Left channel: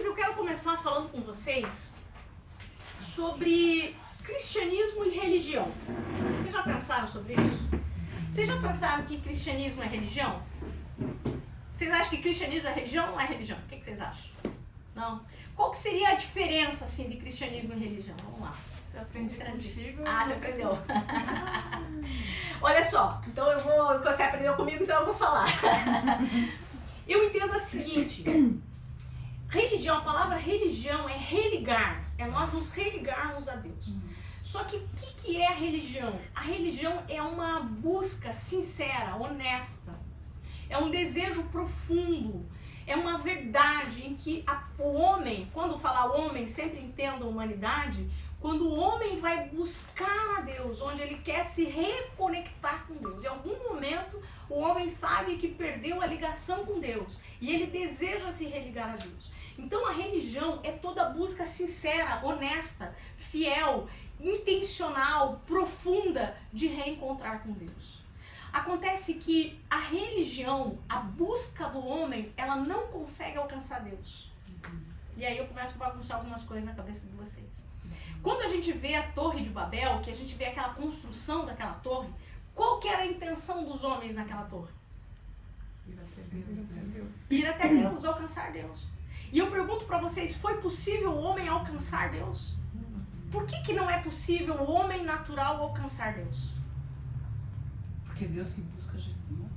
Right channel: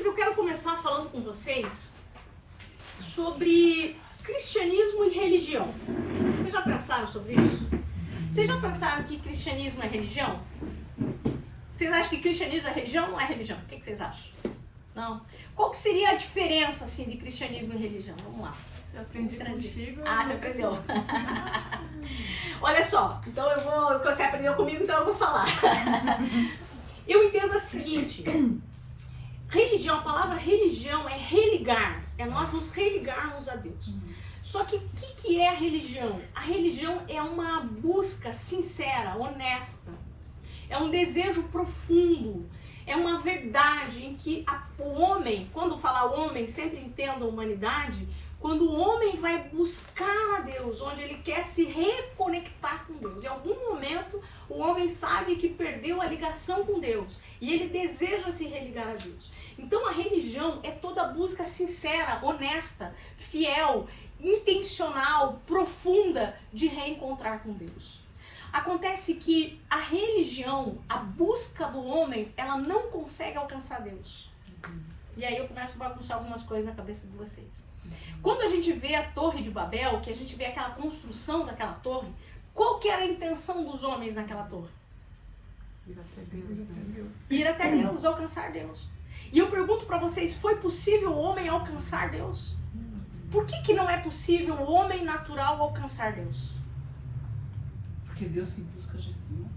Queridos, eu quero começar falando com vocês sobre cristianismo e religião. Vocês já pensaram sobre isso? Vocês já pensaram que cristianismo é religião? Vocês acham que cristianismo é religião ou não é religião? O que vocês acham? Não? Qual que seria a diferença, assim, de cristianismo e religião? Vamos lá. Eu aprendi contigo. Ah, você aprendeu. Olha só, então você aprendeu comigo, então eu vou falar. Eu entendo o seguinte, religião, a palavra religião é religar, é nós nos religarmos a Deus. Só que o que é a religião? A religião é uma busca sincera, honesta, é um desejo profundo, é uma verdade em que o homem, quando falar homem, sempre entenda a humanidade, quando o homem vai buscar a Deus, onde ele quer se reconectar com Deus. Em algum momento, o homem sabe que perdeu a ligação com Deus e ele deseja se religar a Deus. Então, a religião é toda busca sincera, honesta, fiel, intencional, profunda de reencontrar com Deus. Acontece que a religião, a busca do homem, ela não consegue alcançar Deus. E aí eu começo a bagunçar algumas coisas na cabeça de vocês. Quando a gente vê a Torre de Babel, que a gente vê aquela construção daquela torre, qual que era a intenção dos homens naquela torre? Ir até Deus, né? Ir até Deus, alcançar Deus. E eu pergunto para vocês, foi possível o homem alcançar Deus? Por que não é possível o homem natural alcançar Deus? Porque Deus que busca a gente, não?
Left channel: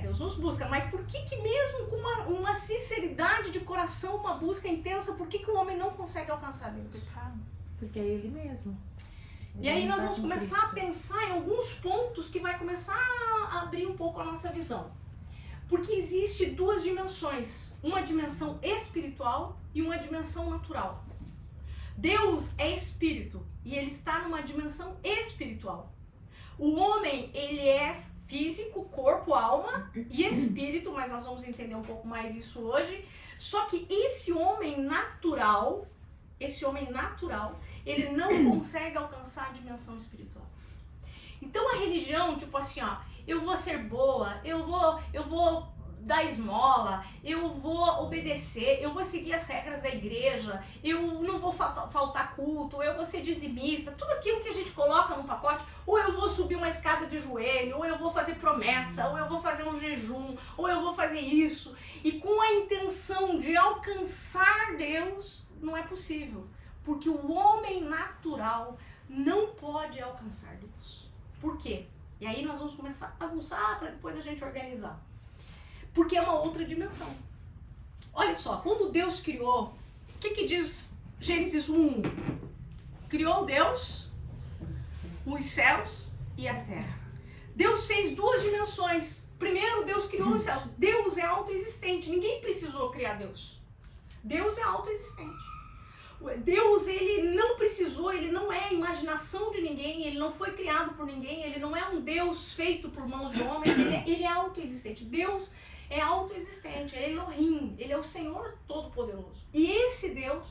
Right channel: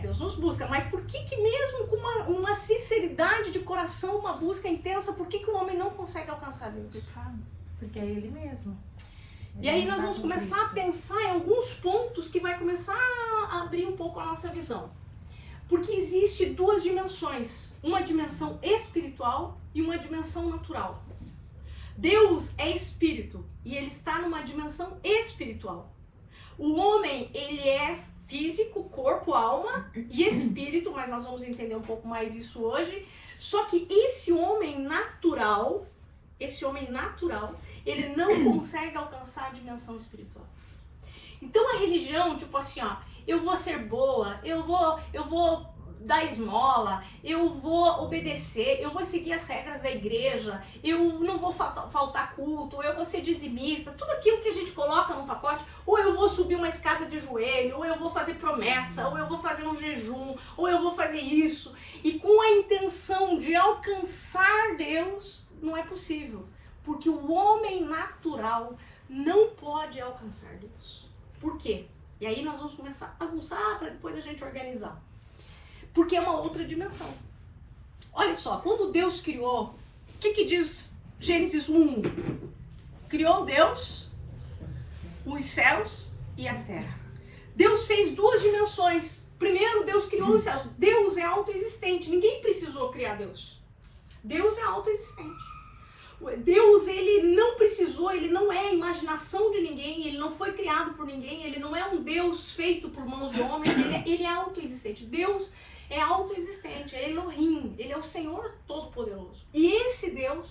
Deus nos busca, mas por que mesmo com uma sinceridade de coração, uma busca intensa, por que o homem não consegue alcançar Deus? Porque é Ele mesmo. E aí nós vamos começar a pensar em alguns pontos que vai começar a abrir um pouco a nossa visão. Porque existe duas dimensões, uma dimensão espiritual e uma dimensão natural. Deus é espírito e ele está numa dimensão espiritual. O homem, ele é físico, corpo, alma e espírito, mas nós vamos entender um pouco mais isso hoje. Só que esse homem natural, ele não consegue alcançar a dimensão espiritual. Então a religião, tipo assim, ó, eu vou ser boa, eu vou dar esmola, eu vou obedecer, eu vou seguir as regras da igreja, eu não vou faltar culto, eu vou ser dizimista, tudo aquilo que a gente coloca no pacote, ou eu vou subir uma escada de joelho, ou eu vou fazer promessa, ou eu vou fazer um jejum, ou eu vou fazer isso, e com a intenção de alcançar Deus, não é possível, porque o homem natural não pode alcançar Deus. Por quê? E aí nós vamos começar a bagunçar para depois a gente organizar. Porque é uma outra dimensão. Olha só, quando Deus criou, o que diz Gênesis 1? Criou Deus os céus e a terra. Deus fez duas dimensões. Primeiro, Deus criou os céus. Deus é autoexistente. Ninguém precisou criar Deus. Deus é autoexistente. Deus, ele não precisou, ele não é a imaginação de ninguém, ele não foi criado por ninguém, ele não é um Deus feito por mãos de homens, ele é autoexistente. Deus é autoexistente, é Elohim, ele é o Senhor Todo-Poderoso. E esse Deus,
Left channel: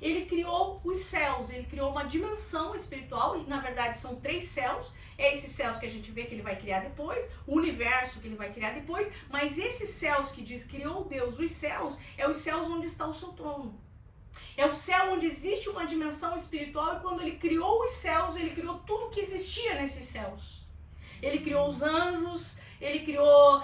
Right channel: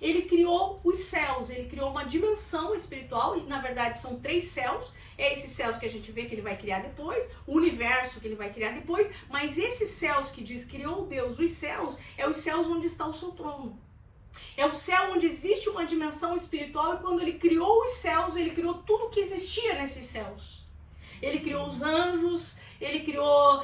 ele criou os céus, ele criou uma dimensão espiritual, e na verdade são 3 céus, é esses céus que a gente vê que ele vai criar depois, o universo que ele vai criar depois, mas esses céus que diz criou Deus, os céus, é os céus onde está o seu trono. É o céu onde existe uma dimensão espiritual e quando ele criou os céus, ele criou tudo que existia nesses céus. Ele criou os anjos, ele criou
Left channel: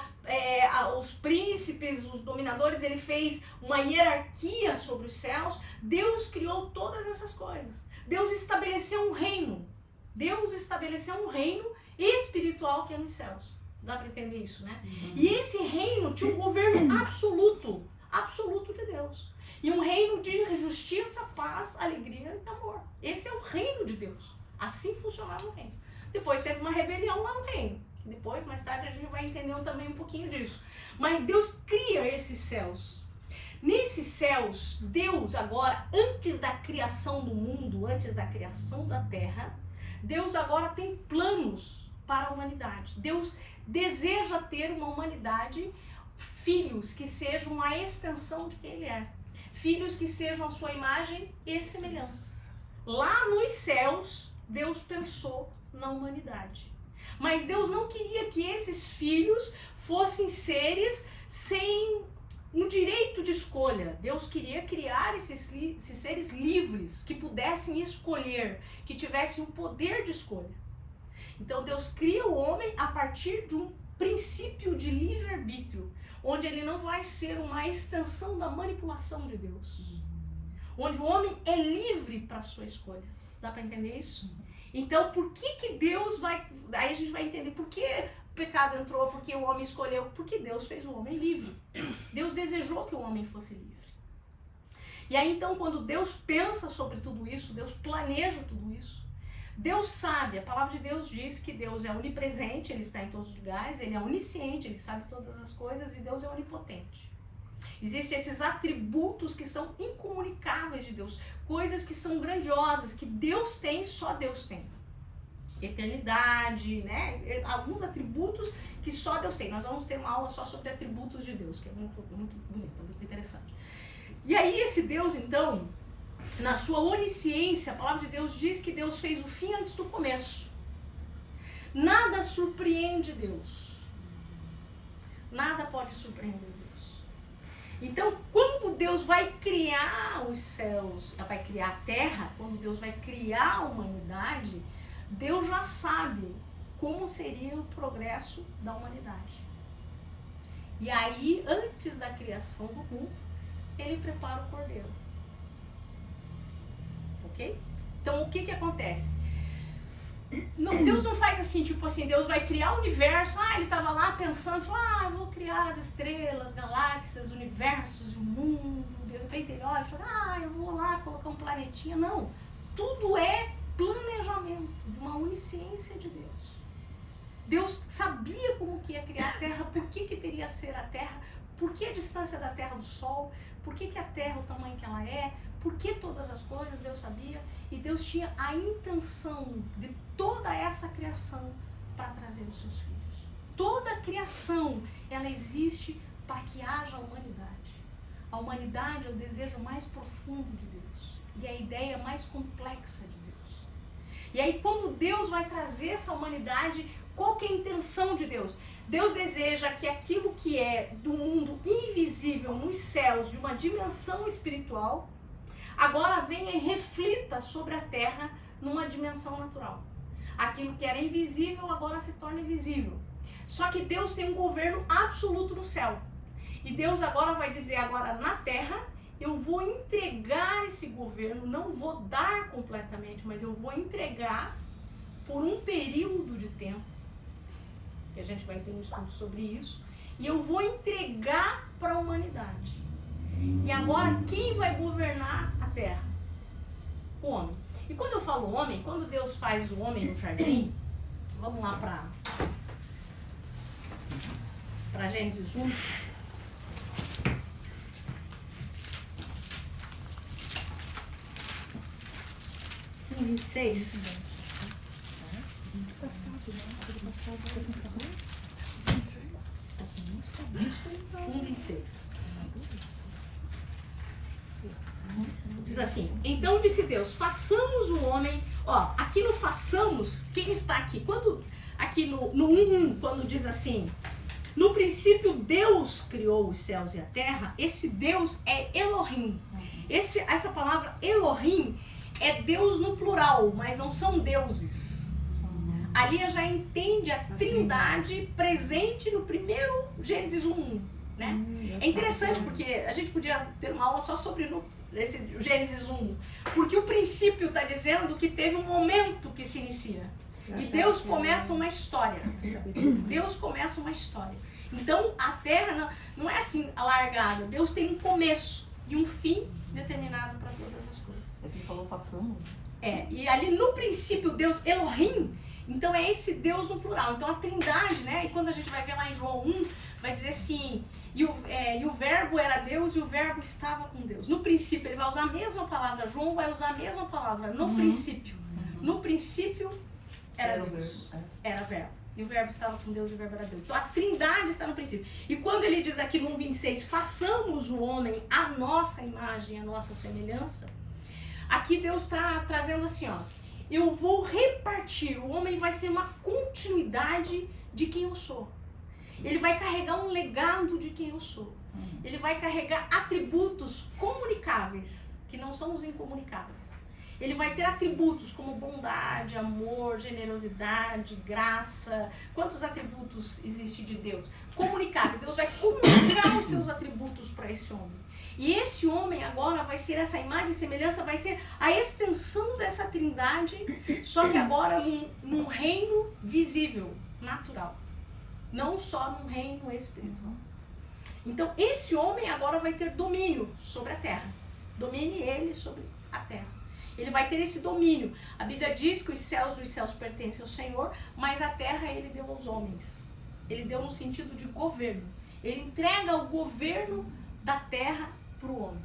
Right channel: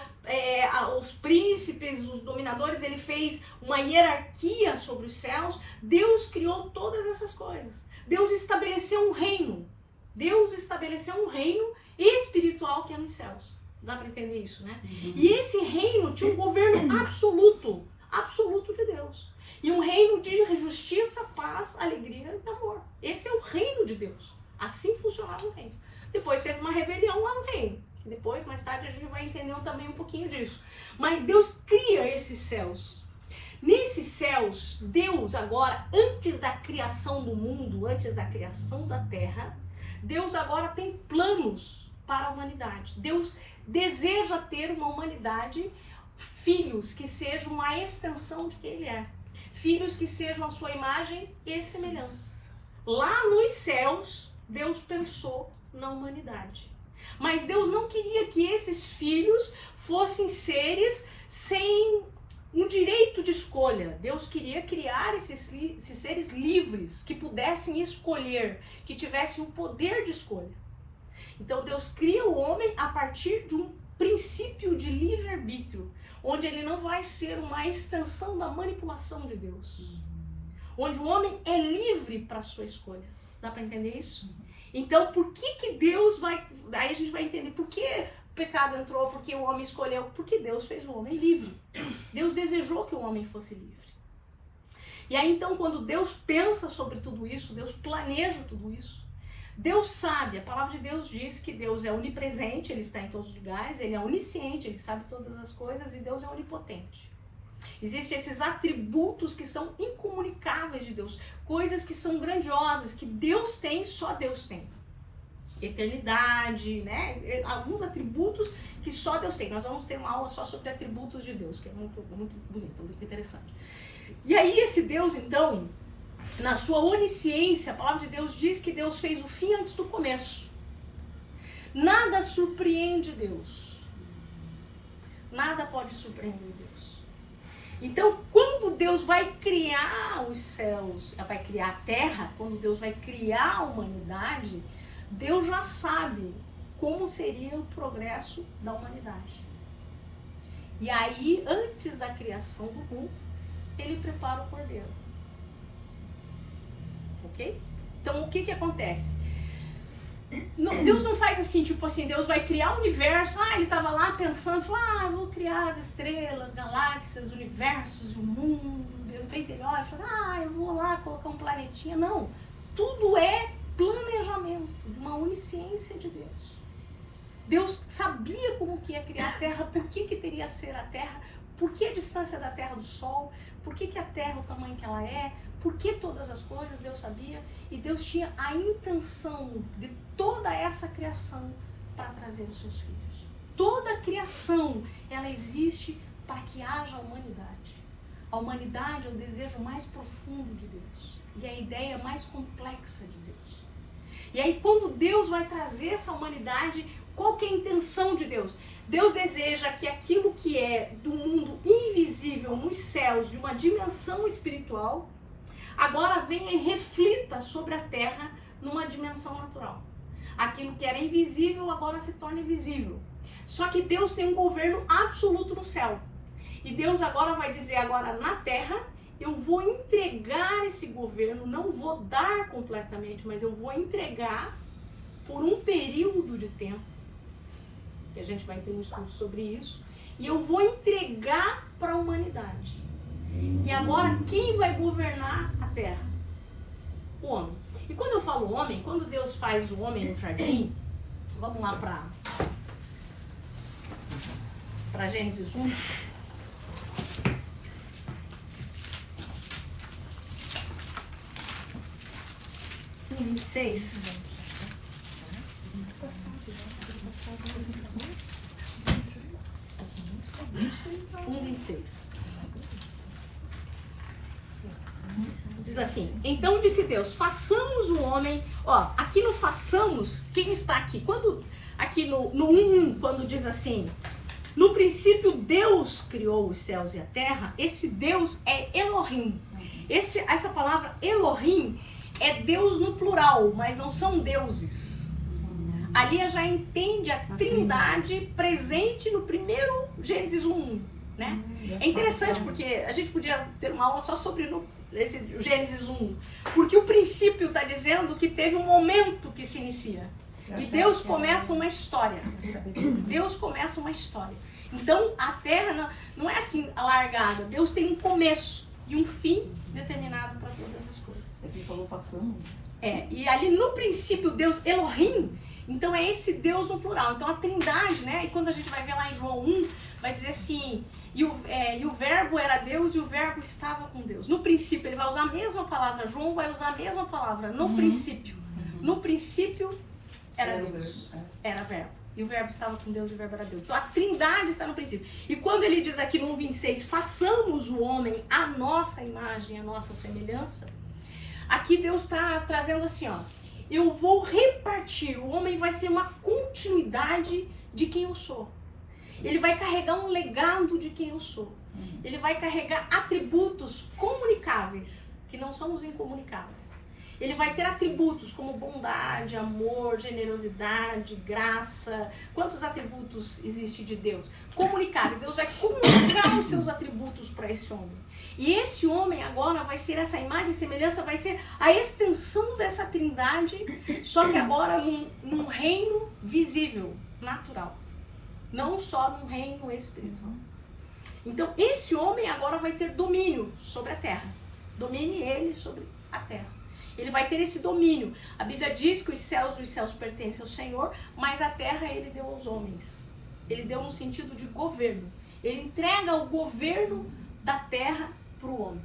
os príncipes, os dominadores, ele fez uma hierarquia sobre os céus. Deus criou todas essas coisas. Deus estabeleceu um reino. Deus estabeleceu um reino espiritual que é nos céus. Dá para entender isso, né? E esse reino tinha um governo absoluto de Deus. E um reino de justiça, paz, alegria e amor. Esse é o reino de Deus. Assim funcionava o reino. Depois teve uma rebelião lá no reino. Depois, mais tarde, a gente vai entender também um pouquinho disso. Mas Deus cria esses céus. Nesses céus, Deus agora, antes da criação do mundo, antes da criação da terra, Deus agora tem planos para a humanidade. Deus deseja ter uma humanidade, filhos que sejam a extensão de quem Ele é. Filhos que sejam a sua imagem e semelhança. Lá nos céus, Deus pensou na humanidade. Mas Deus não queria que esses filhos fossem seres sem um direito de escolha. Deus queria criar esses seres livres, que pudessem escolher, que tivessem o poder de escolha. Então Deus cria o homem a partir de um princípio de livre-arbítrio, onde ele não vai ser uma extensão da manipulação de Deus. Onde o homem é livre para a sua escolha. Dá para entender isso? Então, por que Deus vai... Aí a gente vai entender por que o pecado entrou, porque o homem escolheu, porque Deus fez o homem livre. Deus desejou que o homem fosse livre. E aí, então, quando Deus pensa sobre tudo isso, Deus planeja tudo isso, Deus sabe, a palavra de Deus diz que Deus é onipresente, Ele está em todos os lugares, Ele é onisciente, Ele sabe todas as coisas, e Deus é onipotente. Existem esses atributos que são incomunicáveis de Deus, coisas que são grandiosas, que Deus tem, só Deus tem. Eternidade, né? Alguns atributos que só Deus tem. Nós vamos ter uma aula só sobre atributos de Deus, que é muito bonito, muito interessante. E aí esse Deus, então, na sua onisciência, a palavra de Deus diz que Deus fez o fim antes do começo. Nada surpreende Deus. Nada pode surpreender Deus. Então, quando Deus vai criar os céus, vai criar a terra, quando Deus vai criar a humanidade, Deus já sabe como seria o progresso da humanidade. E aí, antes da criação do mundo, Ele prepara o cordeiro. Ok? Então, o que acontece? Deus não faz assim, tipo assim, Deus vai criar o universo, Ele estava lá pensando, falou, vou criar as estrelas, galáxias, universos e o mundo, de repente ele olha e fala, eu vou lá colocar um planetinha. Não, tudo é planejamento de uma onisciência de Deus. Deus sabia como que ia criar a Terra, por que teria a ser a Terra, por que a distância da Terra do Sol, por que a Terra, o tamanho que ela é, por que todas as coisas Deus sabia, e Deus tinha a intenção de toda essa criação para trazer os seus filhos. Toda a criação, ela existe para que haja humanidade. A humanidade é o desejo mais profundo de Deus e a ideia mais complexa de Deus. E aí quando Deus vai trazer essa humanidade, qual que é a intenção de Deus? Deus deseja que aquilo que é do mundo invisível nos céus, de uma dimensão espiritual, agora venha e reflita sobre a terra numa dimensão natural. Aquilo que era invisível agora se torna visível. Só que Deus tem um governo absoluto no céu. E Deus agora vai dizer, agora na terra, eu vou entregar esse governo, não vou dar completamente, mas eu vou entregar por um período de tempo, que a gente vai ter um estudo sobre isso, e eu vou entregar para a humanidade. E agora, quem vai governar a terra? O homem. E quando eu falo homem, quando Deus faz o homem no jardim, vamos lá para Gênesis 1. No 26. 1:26. Diz assim, então disse Deus, façamos o homem, aqui no façamos, quem está aqui? Quando, aqui no 1:1, quando diz assim, no princípio Deus criou os céus e a terra, esse Deus é Elohim. Essa palavra Elohim é Deus no plural, mas não são deuses. Ali já entende a trindade presente no primeiro Gênesis 1:1, né? É interessante porque a gente podia ter uma aula só sobre esse Gênesis 1, porque o princípio está dizendo que teve um momento que se inicia. E Deus começa uma história. Deus começa uma história. Então a terra não é assim alargada. Deus tem um começo e um fim determinado para todas as coisas. Ele falou façamos. E ali no princípio Deus Elohim, então é esse Deus no plural. Então a trindade, né? E quando a gente vai ver lá em João 1, vai dizer assim, e o verbo era Deus e o verbo estava com Deus. No princípio, ele vai usar a mesma palavra, João vai usar a mesma palavra, no princípio. No princípio era Deus, era verbo. E o verbo estava com Deus e o verbo era Deus. Então a trindade está no princípio. E quando ele diz aqui no 1:26, façamos o homem à nossa imagem, à nossa semelhança, aqui Deus está trazendo assim, eu vou repartir, o homem vai ser uma continuidade de quem eu sou. Ele vai carregar um legado de quem eu sou. ele vai carregar atributos comunicáveis, que não são os incomunicáveis. Ele vai ter atributos como bondade, amor, generosidade, graça. Quantos atributos existem de Deus? Comunicáveis. Deus vai comunicar os seus atributos para esse homem. E esse homem agora vai ser, essa imagem e semelhança vai ser a extensão dessa trindade, só que agora num reino visível, natural. Não só num reino espiritual. Então esse homem agora vai ter domínio sobre a terra. Domine ele sobre a terra. Ele vai ter esse domínio. A Bíblia diz que os céus dos céus pertencem ao Senhor, mas a terra ele deu aos homens. Ele deu no sentido de governo. Ele entrega o governo da terra para o homem.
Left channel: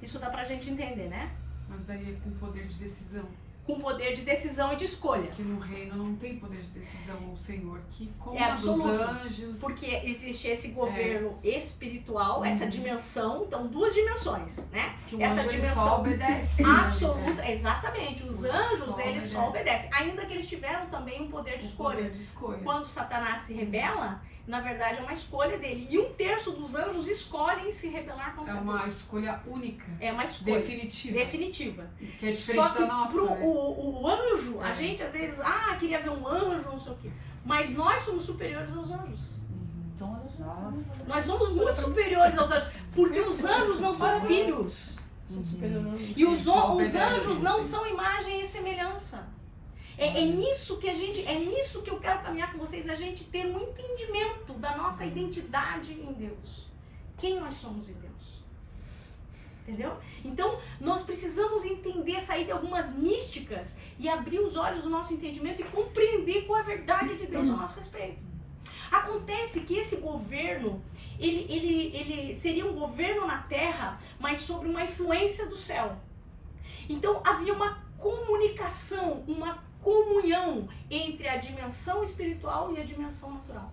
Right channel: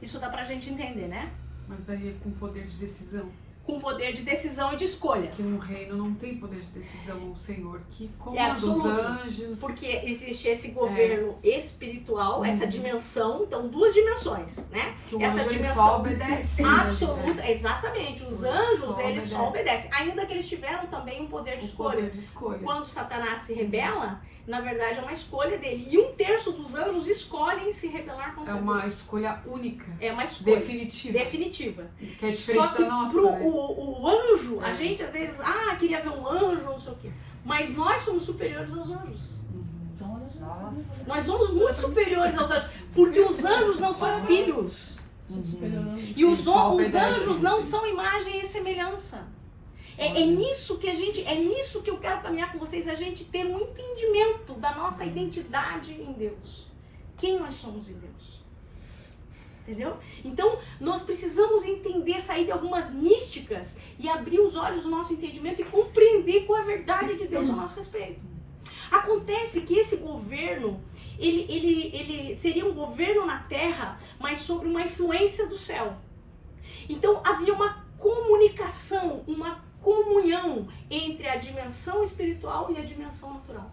Isso dá pra gente entender, né? Mas daí é com poder de decisão. Com poder de decisão e de escolha. Que no reino não tem poder de decisão, o Senhor que comanda É absoluto, os anjos. porque existe esse governo espiritual, essa dimensão, então duas dimensões, né? Que o Essa anjo, ele dimensão só obedece. absoluta, Né? exatamente. Os Só anjos, eles só obedece. obedecem, ainda que eles tiveram também um poder de O escolha. poder de escolha. Quando Satanás se rebela, na verdade é uma escolha dele. E 1/3 dos anjos escolhem se rebelar contra É uma Deus. escolha única. É uma escolha Definitiva. definitiva. Que é diferente Só que da nossa. pro Né? o anjo, a É. gente às vezes, queria ver um anjo, não sei o quê. Mas nós somos superiores aos anjos. Então ela já Nossa. Nós somos muito superiores aos anjos. Porque os anjos não são filhos. são superiores. E os Eles só os obedecem. anjos não são imagem e semelhança. É nisso que eu quero caminhar com vocês, a gente ter um entendimento da nossa identidade em Deus. Quem nós somos em Deus. Entendeu? Então, nós precisamos entender, sair de algumas místicas e abrir os olhos do nosso entendimento e compreender qual é a verdade de Deus a nosso respeito. Acontece que esse governo, ele seria um governo na terra, mas sobre uma influência do céu. Então, havia uma comunicação, uma comunhão entre a dimensão espiritual e a dimensão natural.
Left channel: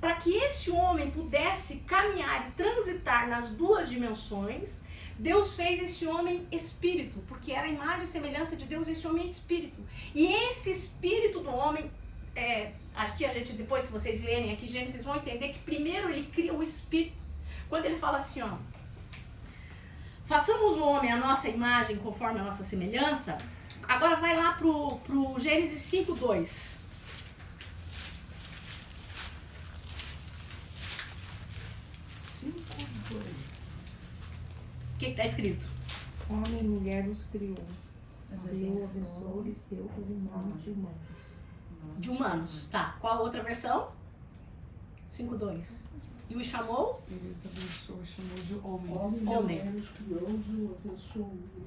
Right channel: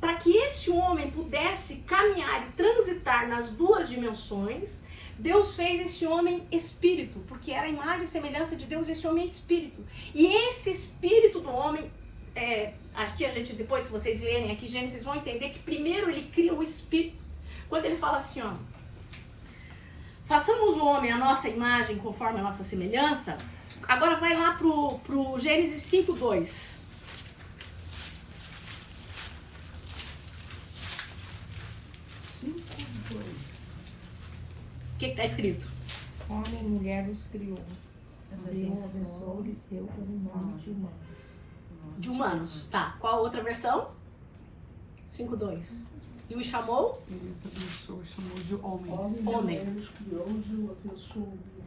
Para que esse homem pudesse caminhar e transitar nas duas dimensões, Deus fez esse homem espírito, porque era a imagem e semelhança de Deus, esse homem é espírito. E esse espírito do homem, aqui a gente, depois se vocês lerem aqui Gênesis, vão entender que primeiro ele cria o espírito. Quando ele fala assim, façamos o homem a nossa imagem conforme a nossa semelhança. Agora vai lá pro Gênesis 5:2. O que está escrito? Homem e mulher nos criou. Mas ele abençoou e lhes deu o nome de humanos. De humanos, tá. Qual a outra versão? 5:2. E o chamou? Ele os abençoou, chamou de homens. Homem. Ele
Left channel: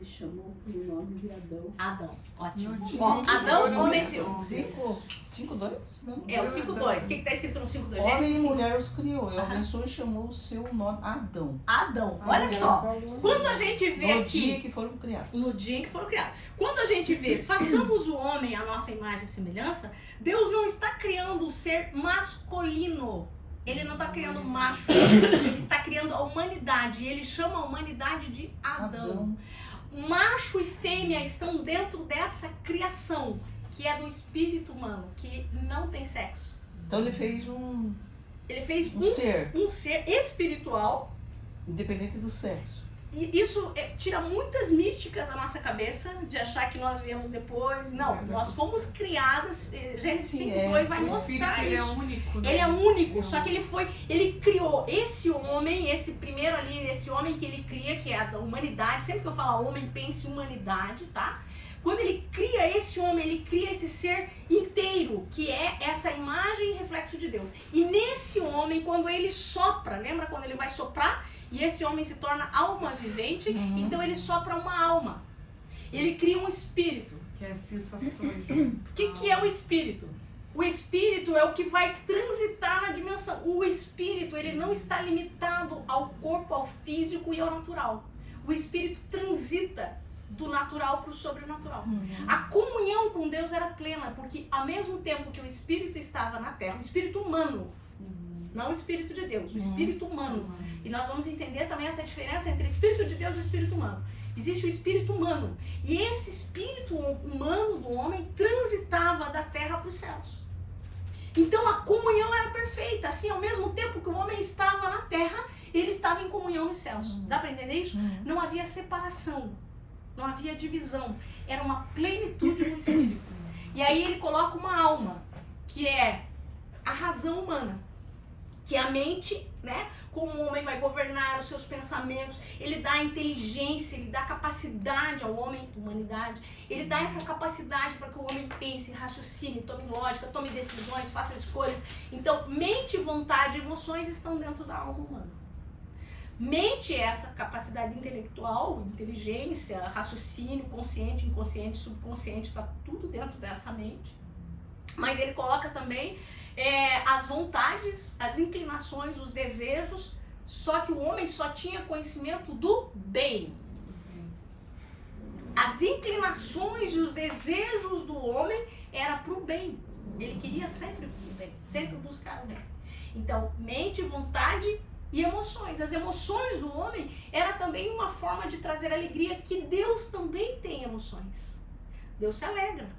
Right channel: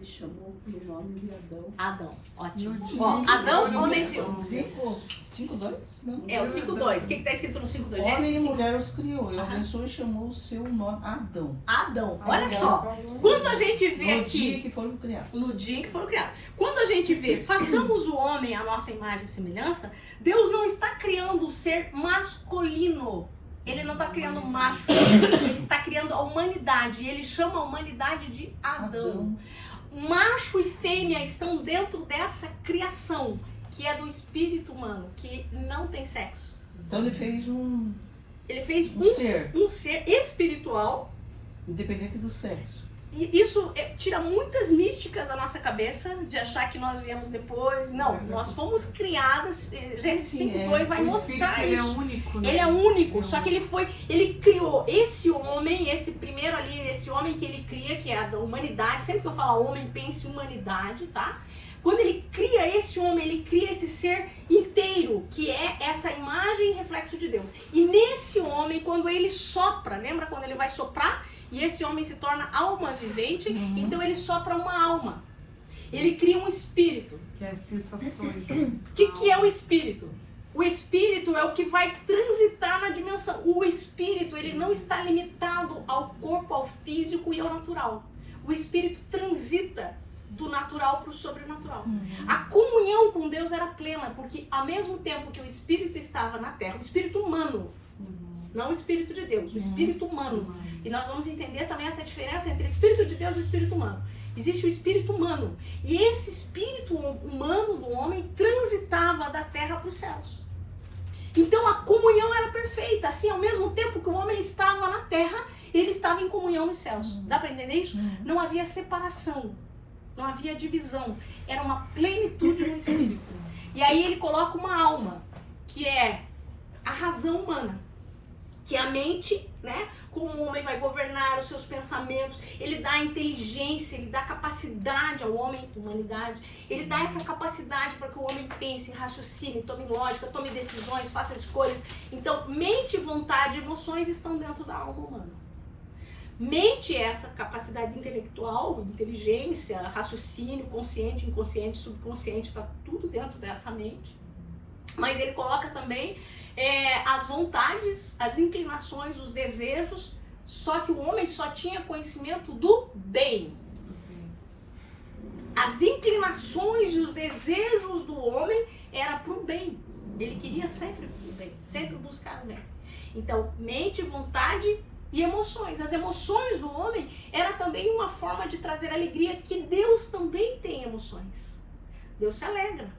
chamou pelo nome de Adão. Adão, ótimo. No Ó, dia Adão que ou se- mencionou? 5:2? É o 5:2. O que está escrito no 5:2? Homem Gênesis e 5. mulher os criou. E Aham. abençoou e chamou o seu nome Adão. Adão. Olha só. Quando a gente vê No aqui, dia que foram criados. no dia em que foram criados. Quando a gente vê, façamos o homem a nossa imagem e semelhança, Deus não está criando o ser masculino. Ele não está criando macho. Ele está criando a humanidade. E ele chama a humanidade de Adão. Macho e fêmea estão dentro dessa criação, que é do espírito humano, que não tem sexo. Então ele fez um. Ele fez Um um ser espiritual. Independente do sexo. E isso tira muitas místicas da nossa cabeça, de achar que nós viemos depois. Não, nós fomos criadas. Gênesis Sim, 5:2 vai O mostrar espírito, ele é isso. único, né? Ele é único, só que ele criou esse homem, esse primeiro ali, esse homem que ele cria, que é a da humanidade. Sempre que eu falo homem, pense humanidade, tá? Quando ele cria esse homem, ele cria esse ser inteiro, que é essa imagem e reflexo de Deus. E nesse homem, quando ele sopra, lembra quando ele vai soprar? E esse homem se torna alma vivente, então ele sopra uma alma. Ele cria um espírito. Que é as sensações. Né? O que é o espírito? O espírito é o que vai transitar na dimensão. O espírito, ele não está limitado ao corpo, ao físico e ao natural. O espírito transita do natural para o sobrenatural. A comunhão com Deus era plena, porque ao mesmo tempo que o espírito estava na terra, o espírito humano, não o espírito de Deus, o espírito humano. E nós vamos entender também essa diferença entre o espírito de Deus e o espírito humano. Existe o espírito humano. E esse espírito humano do homem transitava da terra para os céus. Então a comunhão era perfeita, assim, ao mesmo tempo que o homem estava na terra, ele estava em comunhão nos céus. Dá para entender isso? Não havia separação, não havia divisão, era uma plenitude no espírito. E aí ele coloca uma alma, que é a razão humana, que é a mente, né? Como o homem vai governar os seus pensamentos, ele dá inteligência, ele dá capacidade ao homem, humanidade, ele dá essa capacidade para que o homem pense, raciocine, tome lógica, tome decisões, faça escolhas. Então, mente, vontade e emoções estão dentro da alma humana. Mente é essa capacidade intelectual, inteligência, raciocínio, consciente, inconsciente, subconsciente, está tudo dentro dessa mente. Mas ele coloca também as vontades, as inclinações, os desejos, só que o homem só tinha conhecimento do bem. As inclinações e os desejos do homem era para o bem. Ele queria sempre o bem, sempre buscar o bem. Então, mente, vontade e emoções. As emoções do homem era também uma forma de trazer alegria, que Deus também tem emoções. Deus se alegra.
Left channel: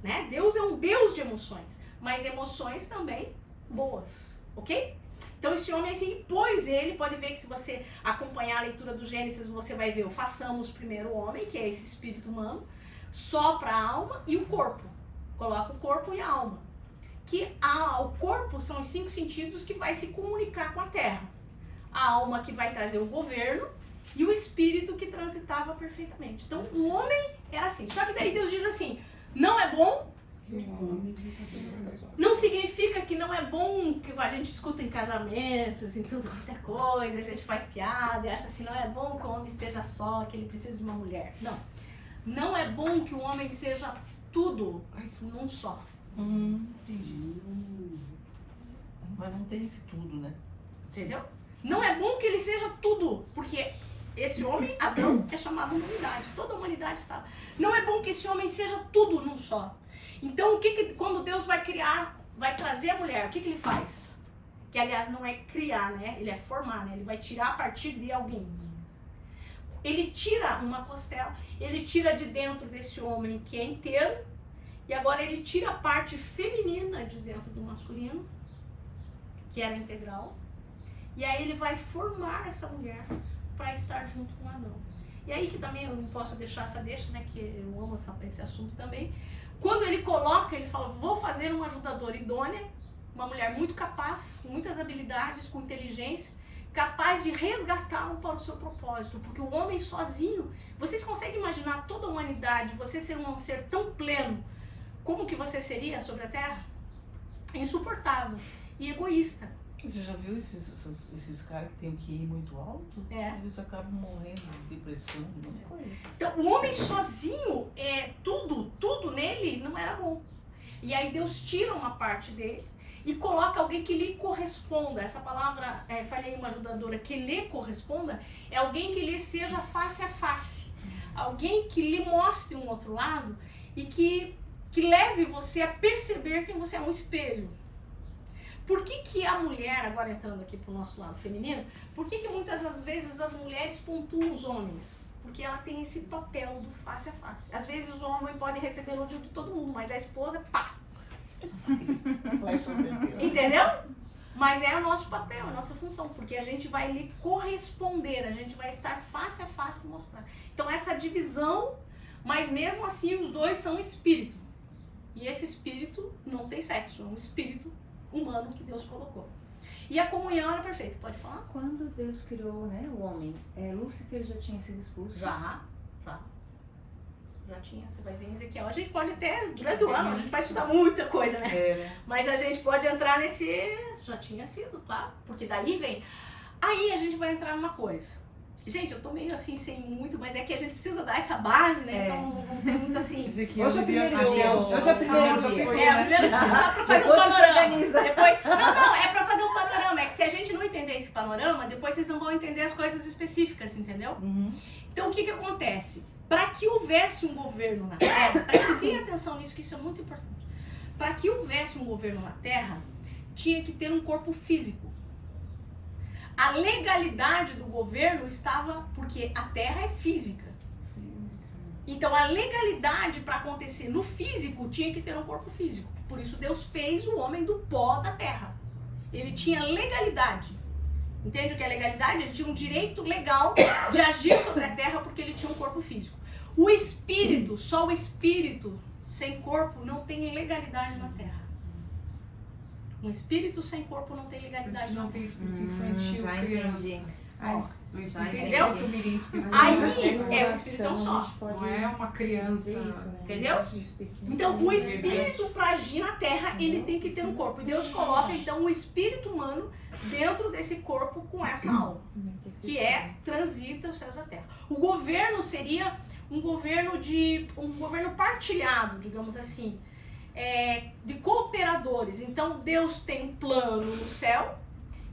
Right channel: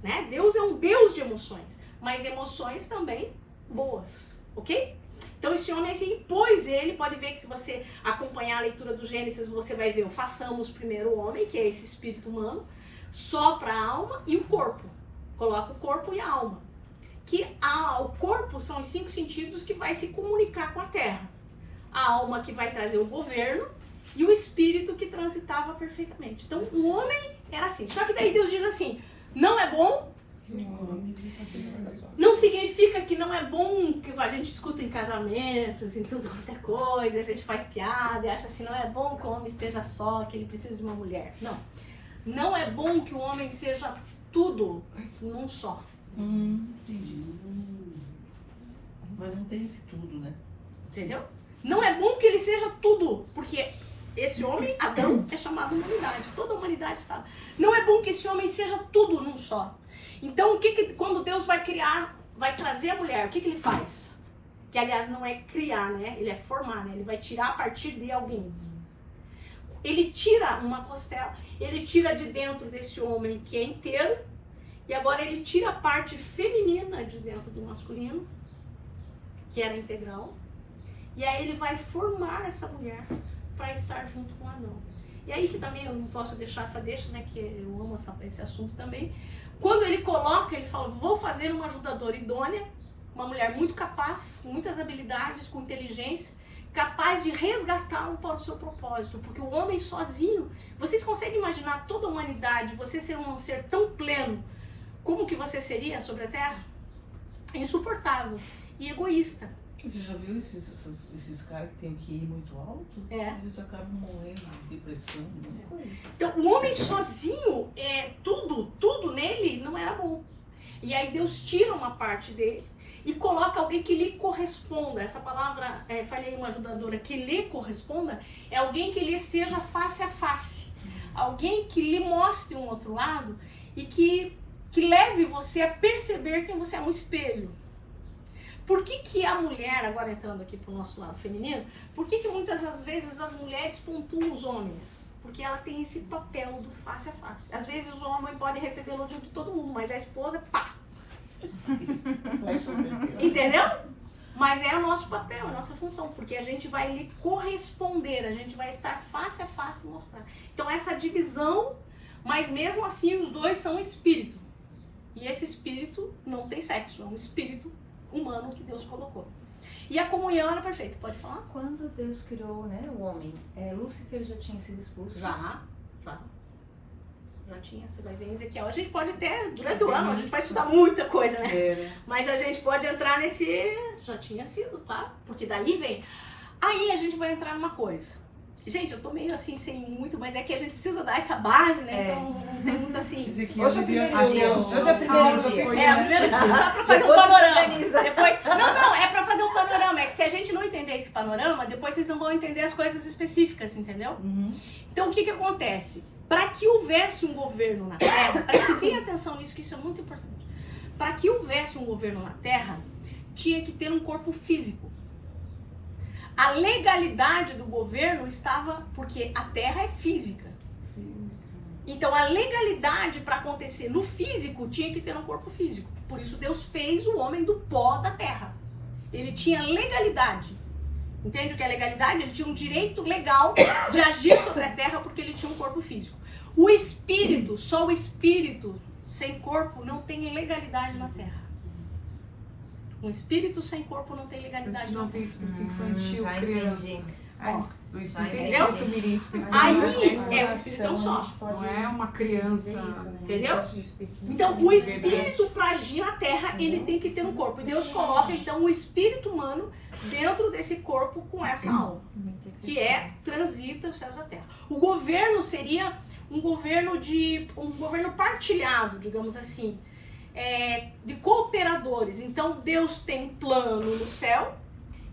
Né? Deus é um Deus de emoções, mas emoções também boas, ok? Então esse homem assim, pois ele, pode ver que se você acompanhar a leitura do Gênesis, você vai ver o façamos primeiro o homem, que é esse espírito humano, sopra a alma e o corpo, coloca o corpo e a alma, que o corpo são os 5 sentidos que vai se comunicar com a terra, a alma que vai trazer o governo e o espírito que transitava perfeitamente. Então o homem era assim, só que daí Deus diz assim, não é bom. Não significa que não é bom, que a gente escuta em casamentos, em tudo quanto é coisa, a gente faz piada e acha assim, não é bom que o homem esteja só, que ele precisa de uma mulher. Não. Não é bom que o homem seja tudo num só. Entendi. Mas não tem esse tudo, né? Entendeu? Não é bom que ele seja tudo, porque esse homem, Adão, é chamado humanidade. Toda a humanidade está. Não é bom que esse homem seja tudo num só. Então, quando Deus vai criar, vai trazer a mulher, o que ele faz? Que, aliás, não é criar, né? Ele é formar, né? Ele vai tirar a partir de alguém. Ele tira uma costela, ele tira de dentro desse homem que é inteiro, e agora ele tira a parte feminina de dentro do masculino, que era integral, e aí ele vai formar essa mulher para estar junto com Adão. E aí que também eu não posso deixar essa deixa, né, que eu amo esse assunto também. Quando ele coloca, ele fala, vou fazer uma ajudadora idônea, uma mulher muito capaz, com muitas habilidades, com inteligência, capaz de resgatá-lo para o seu propósito, porque o homem sozinho, vocês conseguem imaginar toda a humanidade, você ser um ser tão pleno, como que você seria sobre a Terra? Insuportável e egoísta. Você já viu esses caras que tem um QI muito alto? É. Eles acabam morrendo de depressão, muita coisa. Então, o homem sozinho, tudo nele não era bom. E aí Deus tira uma parte dele e coloca alguém que lhe corresponda. Essa palavra, falei uma ajudadora, que lhe corresponda, é alguém que lhe seja face a face. Alguém que lhe mostre um outro lado e que leve você a perceber que você é um espelho. Por que a mulher, agora entrando aqui pro nosso lado feminino, por que muitas das vezes as mulheres pontuam os homens? Porque ela tem esse papel do face a face. Às vezes o homem pode receber elogio de todo mundo, mas a esposa, pá! Entendeu? Mas é o nosso papel, a nossa função, porque a gente vai lhe corresponder, a gente vai estar face a face e mostrar. Então essa divisão, mas mesmo assim os dois são espírito. E esse espírito não tem sexo, é um espírito humano que Deus colocou. E a comunhão era perfeita, pode falar? Quando Deus criou, né, o homem, Lúcifer já tinha sido expulso? Já tinha, você vai ver em Ezequiel. A gente pode até, durante o ano, a gente vai estudar muita coisa, né? Mas a gente pode entrar nesse, já tinha sido, claro, porque daí vem. Aí a gente vai entrar numa coisa. Gente, eu tô meio assim, sem muito, mas é que a gente precisa dar essa base, né? Então não tem muito assim. Ezequiel Hoje é devia primeiro ser dia. o- Hoje é o primeiro dia, só pra fazer um Depois panorama. finaliza. Depois, não, é pra fazer um panorama. É que se a gente não entender esse panorama, depois vocês não vão entender as coisas específicas, entendeu? Uhum. Então, o que acontece? Para que houvesse um governo na Terra, preste bem atenção nisso, que isso é muito importante. Para que houvesse um governo na Terra, tinha que ter um corpo físico. A legalidade do governo estava, porque a Terra é física. Então, a legalidade para acontecer no físico tinha que ter um corpo físico. Por isso Deus fez o homem do pó da terra. Ele tinha legalidade. Entende o que é legalidade? Ele tinha um direito legal de agir sobre a terra porque ele tinha um corpo físico. O espírito, só o espírito sem corpo não tem legalidade na terra. Um espírito sem corpo não tem Por isso legalidade que na não terra. tem espírito infantil, já criança. entendi. Ó, O espírito Entendeu? espírito mirim, espírito Aí adulto, é o espírito é um só. Não é uma criança. Entendeu? Então, o espírito para agir na terra, ele tem que ter um corpo. E Deus coloca, então, o espírito humano dentro desse corpo com essa alma, que transita os céus e a terra. O governo seria um governo partilhado, digamos assim, de cooperadores. Então, Deus tem um plano no céu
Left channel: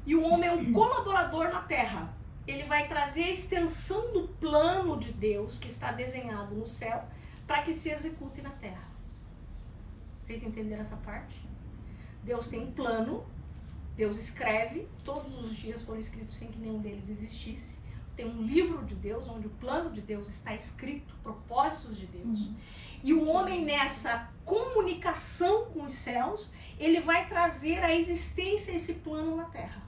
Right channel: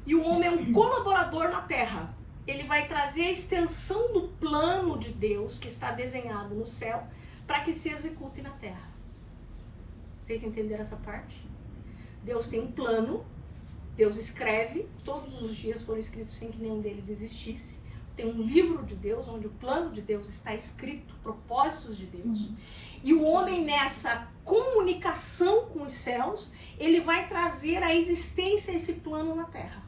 e o homem é um colaborador na terra. Ele vai trazer a extensão do plano de Deus que está desenhado no céu para que se execute na terra. Vocês entenderam essa parte? Deus tem um plano, Deus escreve, todos os dias foram escritos sem que nenhum deles existisse. Tem um livro de Deus, onde o plano de Deus está escrito, propósitos de Deus. E o homem, nessa comunicação com os céus, ele vai trazer a existência esse plano na terra.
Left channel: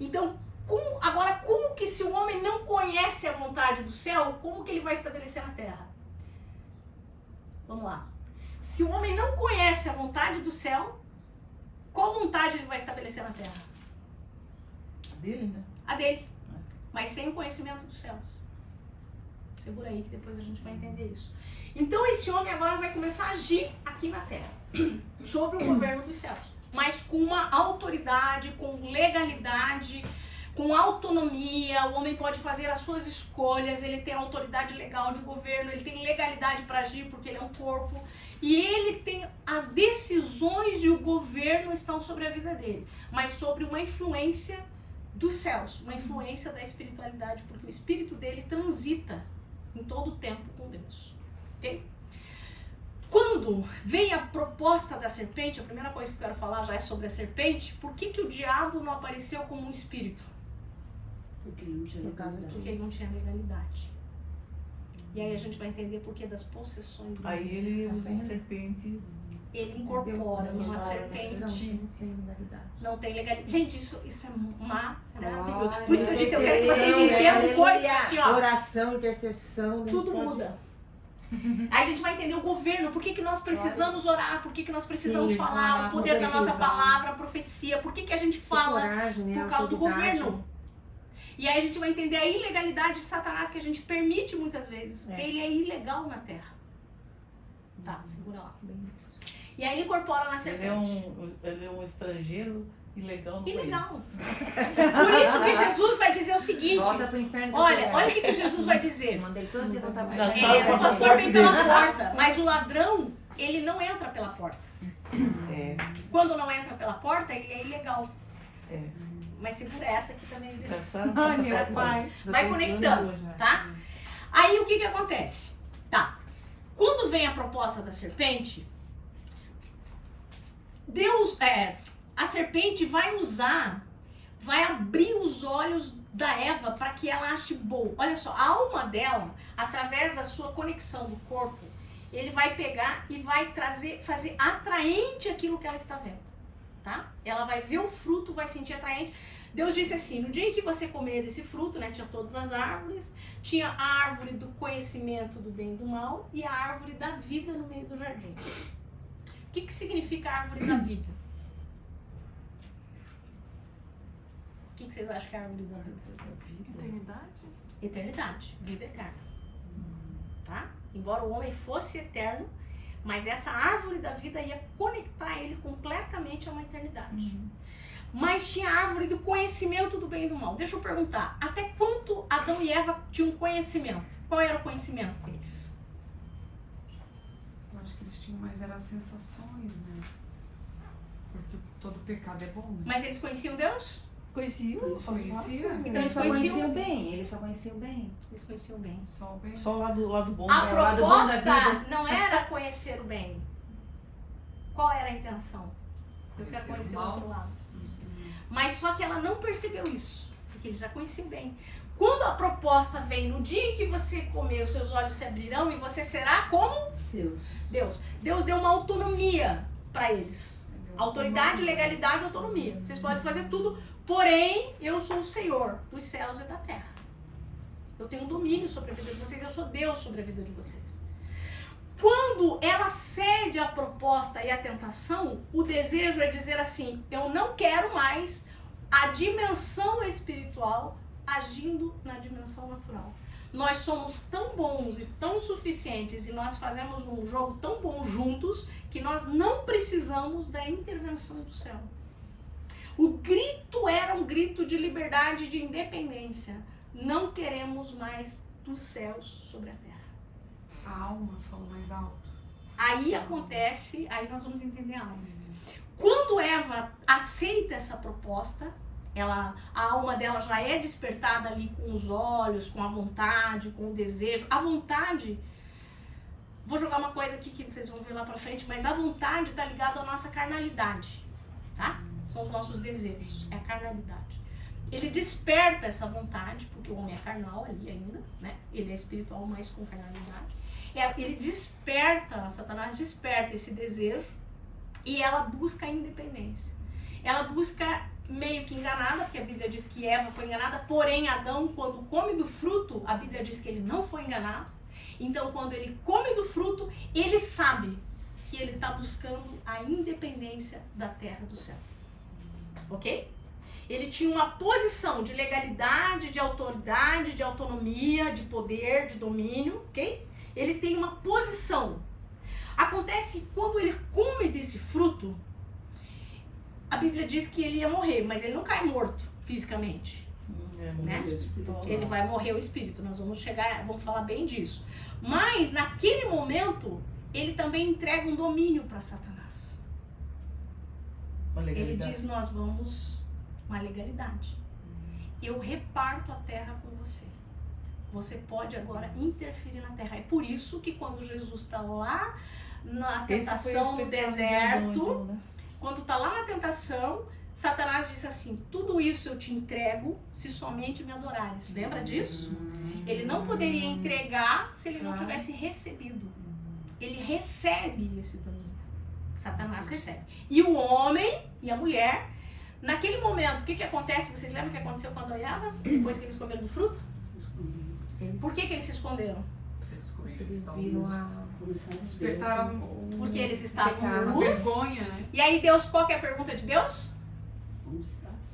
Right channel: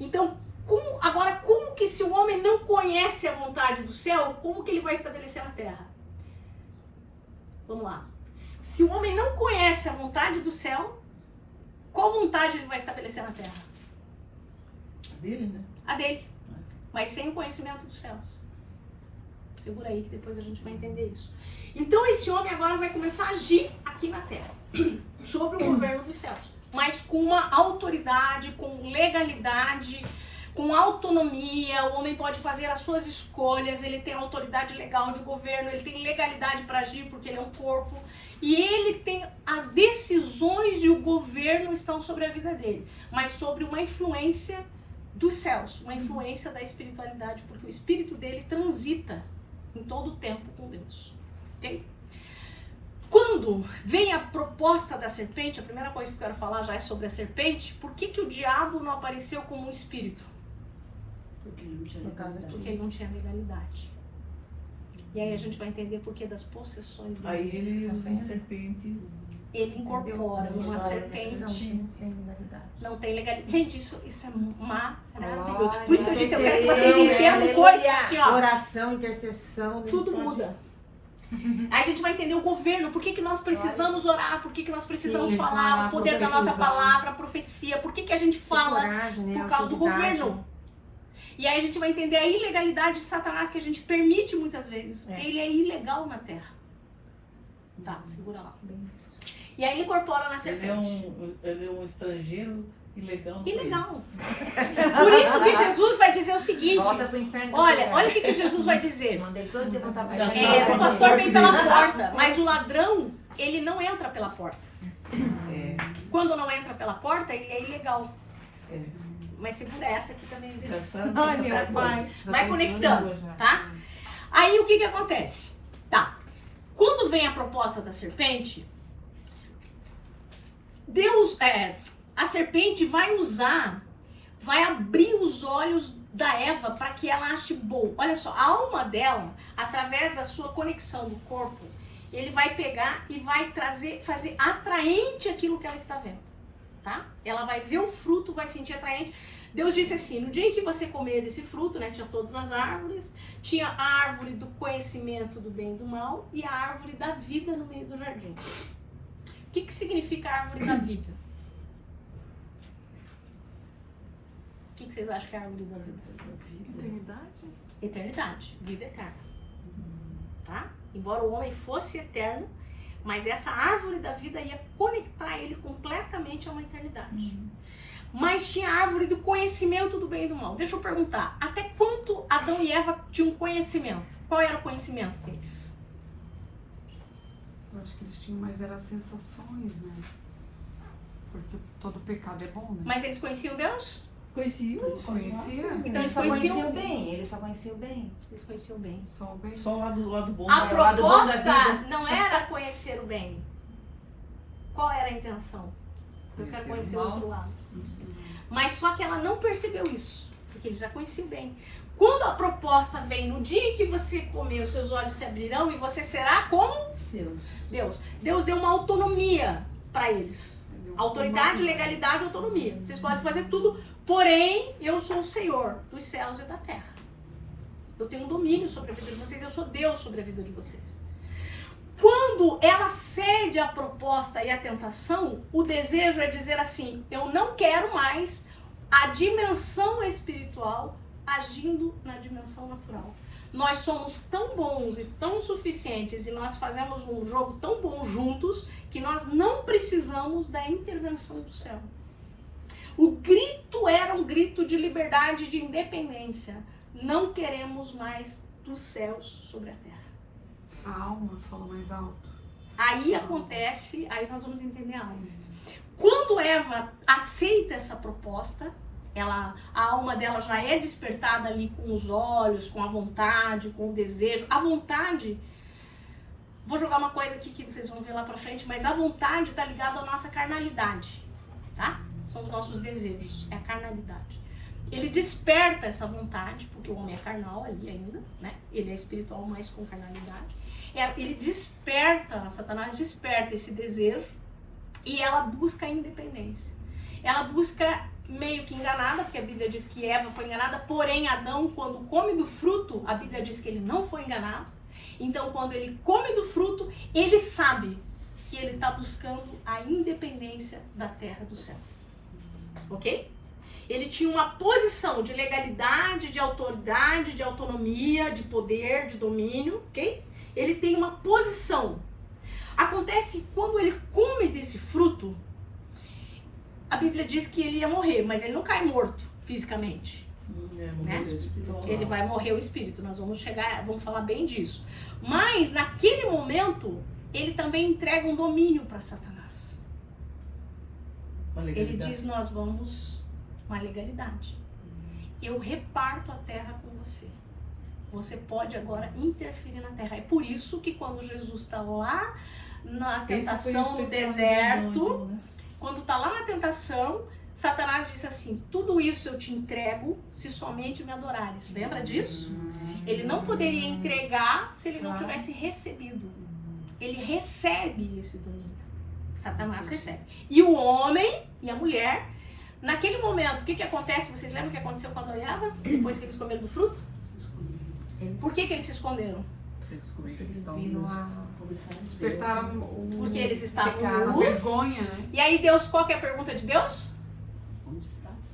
Então, como que se o homem não conhece a vontade do céu, como que ele vai estabelecer na terra? Vamos lá. Se o homem não conhece a vontade do céu, qual vontade ele vai estabelecer na terra? A dele, né? A dele. Mas sem o conhecimento dos céus. Segura aí que depois a gente vai entender isso. Então esse homem agora vai começar a agir aqui na terra, sobre o governo dos céus. Mas com uma autoridade, com legalidade, com autonomia. O homem pode fazer as suas escolhas, ele tem autoridade legal de governo, ele tem legalidade para agir porque ele é um corpo. E ele tem as decisões e o governo estão sobre a vida dele, mas sobre uma influência dos céus, uma influência da espiritualidade, porque o espírito dele transita em todo o tempo com Deus. Ok? Quando vem a proposta da serpente, a primeira coisa que eu quero falar já é sobre a serpente. Por que o diabo não apareceu como um espírito? Porque ele não tinha legalidade. Porque ele não tinha legalidade. E aí a gente vai entender por que das possessões dele. Aí ele usa a serpente. Ele incorpora numa serpente. Não tem legalidade. Gente, isso é maravilhoso. Por isso que eu disse, eu quero que vocês entendam coisas assim, ó. Oração, intercessão. Tudo muda. Aí a gente vai entender o governo, por que nós precisamos orar, por que nós precisamos falar, o poder da nossa palavra, a profecia, por que a gente fala por causa do governo. E aí a gente vai entender a ilegalidade de Satanás que a gente permite muitas vezes. Ele é ilegal na terra. Tá, segura lá. E aí ele incorpora na serpente. Ele é um estrangeiro ilegal no Ilegal. país. Por isso que Jesus vai dizer o seguinte, olha o que Jesus vai dizer. O pastor vem pela porta, mas o ladrão, ele não entra pela porta. Quando não entra pela porta, é ilegal. Mas segura essa aqui também, gente. Vai conectando, tá? Aí o que acontece? Tá. Quando vem a proposta da serpente, a serpente vai abrir os olhos da Eva para que ela ache bom. Olha só, a alma dela, através da sua conexão do corpo, ele vai pegar e vai fazer atraente aquilo que ela está vendo, tá? Ela vai ver o fruto, vai sentir atraente. Deus disse assim, no dia em que você comer desse fruto, né, tinha todas as árvores, tinha a árvore do conhecimento do bem e do mal e a árvore da vida no meio do jardim. O que significa a árvore da vida? O que vocês acham que é a árvore da vida? Eternidade? Eternidade, vida eterna. Tá? Embora o homem fosse eterno, mas essa árvore da vida ia conectar ele completamente a uma eternidade. Mas tinha a árvore do conhecimento do bem e do mal. Deixa eu perguntar, até quanto Adão e Eva tinham conhecimento? Qual era o conhecimento deles? Eu acho que eles tinham mais as sensações, né? Porque todo pecado é bom, né? Mas eles conheciam Deus? Conhecia. Então eles conheciam bem. Eles só conheciam bem. Eles conheciam bem. Só o bem. Só o lado bom. A lado proposta bom da vida. não era conhecer o bem. Qual era a intenção? Eu quero conhecer o outro lado. Mas só que ela não percebeu isso, porque eles já conheciam bem. Quando a proposta vem no dia em que você comer, os seus olhos se abrirão e você será como Deus. Deus deu uma autonomia para eles. Autoridade, legalidade, autonomia. Vocês podem fazer tudo, porém eu sou o Senhor dos céus e da terra. Eu tenho um domínio sobre a vida de vocês, eu sou Deus sobre a vida de vocês. Quando ela cede à proposta e à tentação, o desejo é dizer assim: eu não quero mais a dimensão espiritual agindo na dimensão natural. Nós somos tão bons e tão suficientes e nós fazemos um jogo tão bom juntos que nós não precisamos da intervenção do céu. O grito era um grito de liberdade e de independência. Não queremos mais dos céus sobre a terra. A alma fala mais alto. Aí acontece, aí nós vamos entender a alma. Quando Eva aceita essa proposta, a alma dela já é despertada ali com os olhos, com a vontade, com o desejo. A vontade, vou jogar uma coisa aqui que vocês vão ver lá pra frente, mas a vontade está ligada à nossa carnalidade, tá? São os nossos desejos, é a carnalidade. Ele desperta essa vontade, porque o homem é carnal ali ainda, né? Ele é espiritual, mas com carnalidade. Ele desperta, Satanás desperta esse desejo e ela busca a independência. Ela busca meio que enganada, porque a Bíblia diz que Eva foi enganada, porém Adão, quando come do fruto, a Bíblia diz que ele não foi enganado. Então, quando ele come do fruto, ele sabe que ele está buscando a independência da terra do céu. Ok? Ele tinha uma posição de legalidade, de autoridade, de autonomia, de poder, de domínio, ok? Ele tem uma posição. Acontece quando ele come desse fruto, a Bíblia diz que ele ia morrer, mas ele não cai morto fisicamente. Né? Ele vai morrer o espírito, nós vamos chegar, vamos falar bem disso. Mas naquele momento, ele também entrega um domínio para Satanás. Ele diz: nós vamos, uma legalidade. Eu reparto a terra com você. Você pode agora interferir na terra. É por isso que quando Jesus está lá na tentação no deserto, quando está lá na tentação, Satanás disse assim: tudo isso eu te entrego se somente me adorares. Lembra disso? Ele não poderia entregar se ele não tivesse recebido. Ele recebe esse domínio. Satanás recebe. E o homem e a mulher, naquele momento, o que acontece? Vocês lembram o que aconteceu com Adão e Eva? Depois que eles comeram do fruto? Por que eles se esconderam? Despertaram Porque eles estavam a nus. vergonha, né? E aí Deus, qual que é a pergunta de Deus?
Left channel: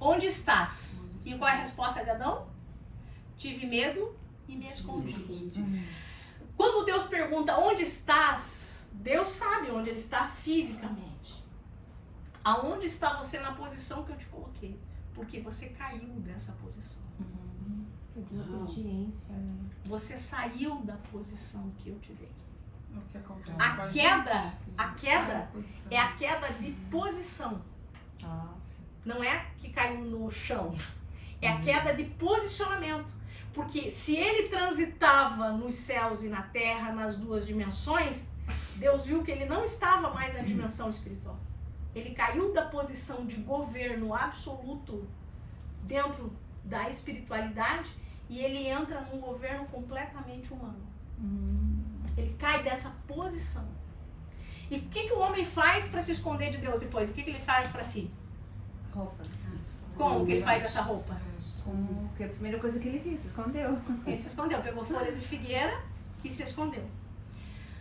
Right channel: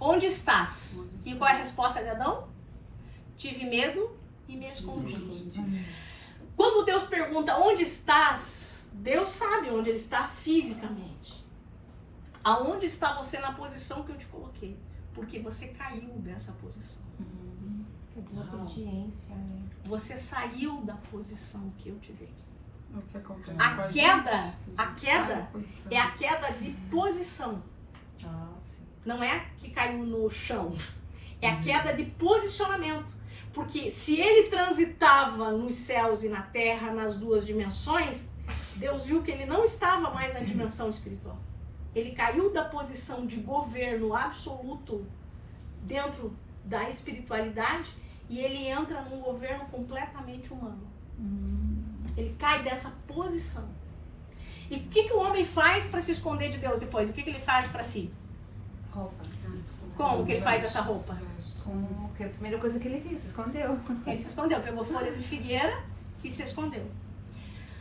Onde estás? E qual é a resposta de Adão? Tive medo e me escondi. Quando Deus pergunta onde estás, Deus sabe onde ele está fisicamente. Aonde está você na posição que eu te coloquei? Porque você caiu dessa posição. Desobediência, né? Você saiu da posição que eu te dei. O que acontece A com a queda, gente? a queda Sai da posição. é a queda de posição. Sim. Não é que caiu no chão. É a queda de posicionamento. Porque se ele transitava nos céus e na terra, nas duas dimensões, Deus viu que ele não estava mais na dimensão espiritual. Ele caiu da posição de governo absoluto dentro da espiritualidade e ele entra num governo completamente humano. Ele cai dessa posição. E o que o homem faz para se esconder de Deus depois? O que ele faz para si? Como que ele faz essa roupa? Que a primeira coisa que ele fez, se escondeu. Ele se escondeu, pegou folhas de figueira e se escondeu.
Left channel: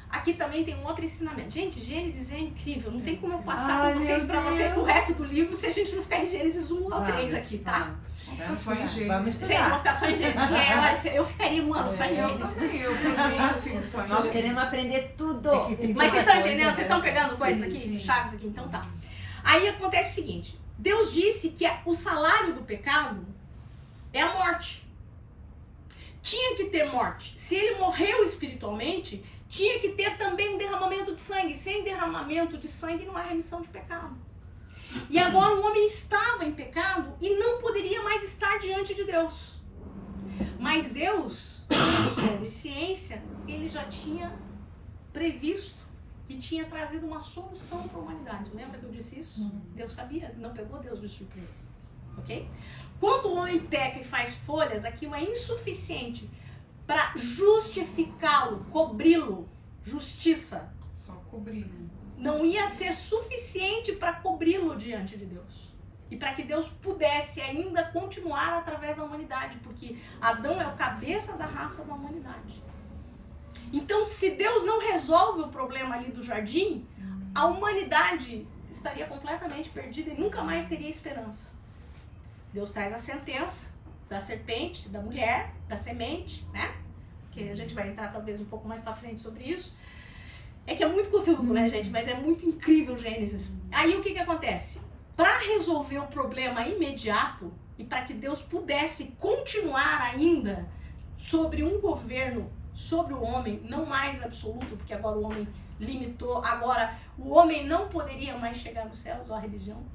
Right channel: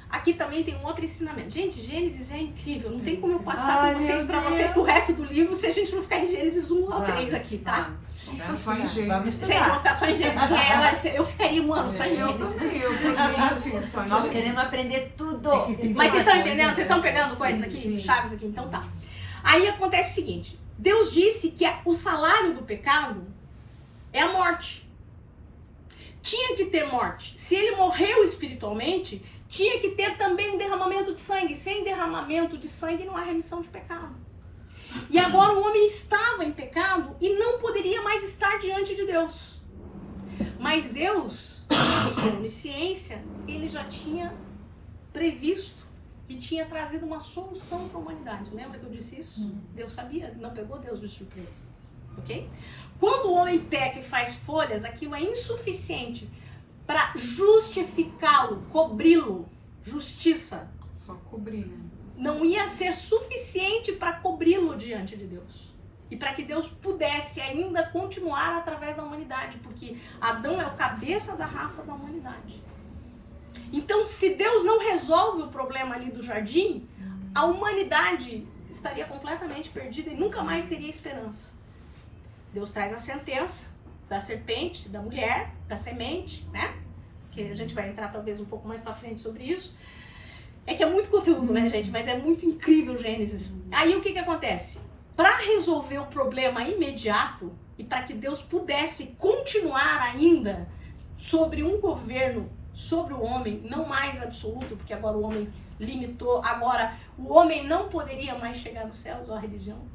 Aqui também tem um outro ensinamento. Gente, Gênesis é incrível. Não tem como eu passar com vocês para vocês pro resto do livro se a gente não ficar em Gênesis 1 ao 3 aqui, tá? Vamos ficar só em Gênesis. Gente, vamos ficar só em Gênesis. Eu ficaria um ano só em Eu Gênesis. também, eu também fico só em Nós Gênesis. queremos aprender tudo. Mas vocês estão entendendo? Vocês estão pegando coisas aqui? Sim. Chaves aqui? Então tá. Aí acontece o seguinte. Deus disse que o salário do pecado é a morte. Tinha que ter morte. Se ele morreu espiritualmente, tinha que ter também um derramamento de sangue. Sem derramamento de sangue não há remissão de pecado. E agora o homem estava em pecado e não poderia mais estar diante de Deus. Mas Deus, na sua onisciência, ele já tinha previsto e tinha trazido uma solução para a humanidade. Lembra que eu disse isso? Deus sabia, não pegou Deus de surpresa. ok? Quando o homem peca e faz folhas, aquilo é insuficiente para justificá-lo, cobri-lo, justiça. Só cobrir, né? Não ia ser suficiente para cobri-lo diante de Deus. E para que Deus pudesse ainda continuar através da humanidade, porque Adão é o cabeça da raça da humanidade. Então, se Deus não resolve o problema ali do jardim, a humanidade estaria completamente perdida e nunca mais teria esperança. Deus traz a sentença da serpente, da mulher, da semente, né? Que a gente vai entrar talvez um pouco mais para frente sobre isso. É que é muito conteúdo, né, gente? Mas é muito incrível Gênesis. Aí o que acontece? Para resolver o problema imediato e para que Deus pudesse continuar ainda sobre um governo sobre o homem, não mais absoluto, porque agora o homem limitou, agora o homem não poderia mais chegar nos céus, ou a religião.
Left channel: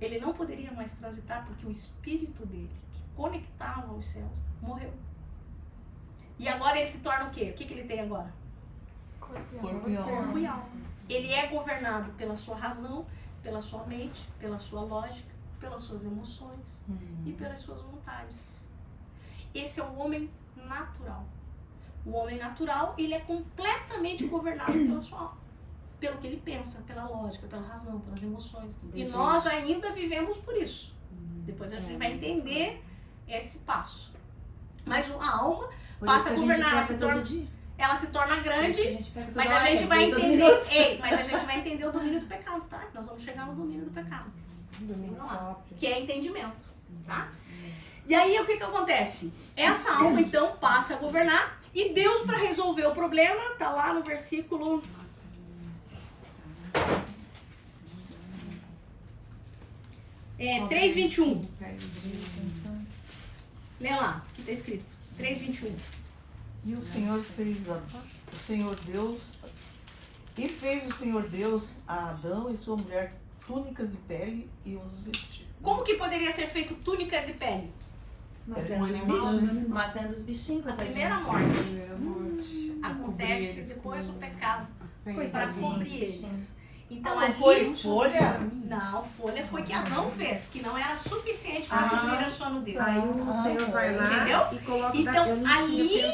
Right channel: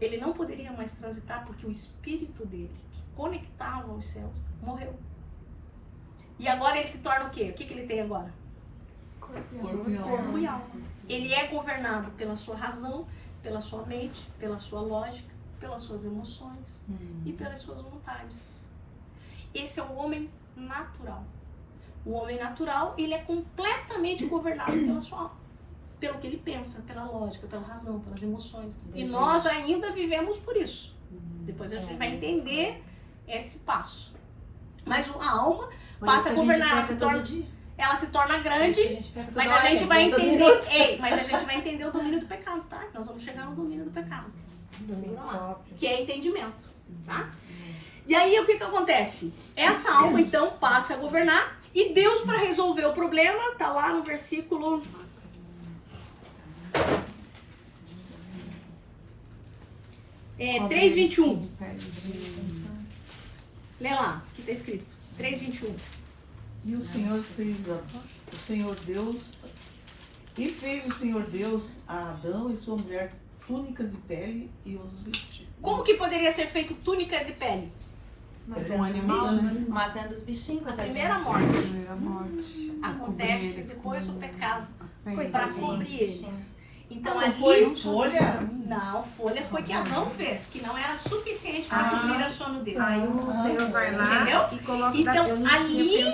Ele não poderia mais transitar porque o espírito dele, que conectava os céus, morreu. E agora ele se torna o quê? O que ele tem agora? Corpo e alma. Corpo e alma. Ele é governado pela sua razão, pela sua mente, pela sua lógica, pelas suas emoções e pelas suas vontades. Esse é o homem natural. O homem natural, ele é completamente governado pela sua alma. Pelo que ele pensa, pela lógica, pela razão, pelas emoções. E nós ainda vivemos por isso. Depois a gente vai entender esse passo. Mas a alma passa a governar, ela se torna grande, mas a gente vai entender, mas a gente vai entender o domínio do pecado, tá? Nós vamos chegar no domínio do pecado. Segura lá. Que é entendimento, tá? E aí o que acontece? Essa alma então passa a governar e Deus, para resolver o problema, tá lá no versículo 3:21. Lê lá, que está escrito. 3:21. E o Senhor fez o Senhor Deus a Adão e sua mulher túnicas de pele e os vestiu. Como que poderia ser feito túnicas de pele? De um animal, né? Matando os bichinhos. A primeira morte. Primeira morte. Acontece depois do pecado. Foi para cobrir eles. Então Não ali. foi folha? Não, folha foi que Adão fez, que não era suficiente para cobrir a sua nudez. Entendeu? Então ali,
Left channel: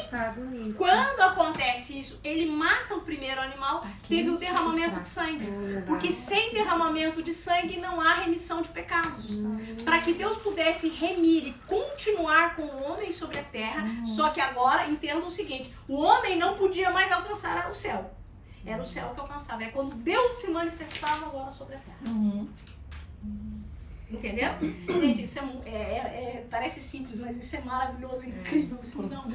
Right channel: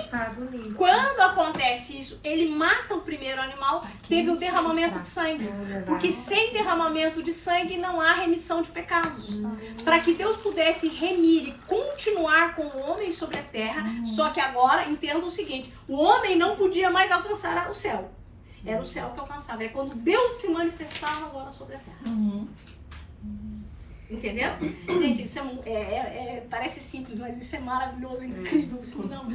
quando acontece isso, ele mata o primeiro animal, teve o derramamento de sangue. Porque sem derramamento de sangue não há remissão de pecados. Para que Deus pudesse remir e continuar com o homem sobre a terra, só que agora entenda o seguinte: o homem não podia mais alcançar o céu. Era o céu que alcançava. É quando Deus se manifestava agora sobre a terra. Entendeu? Gente, isso parece simples, mas isso é maravilhoso, incrível. Isso não.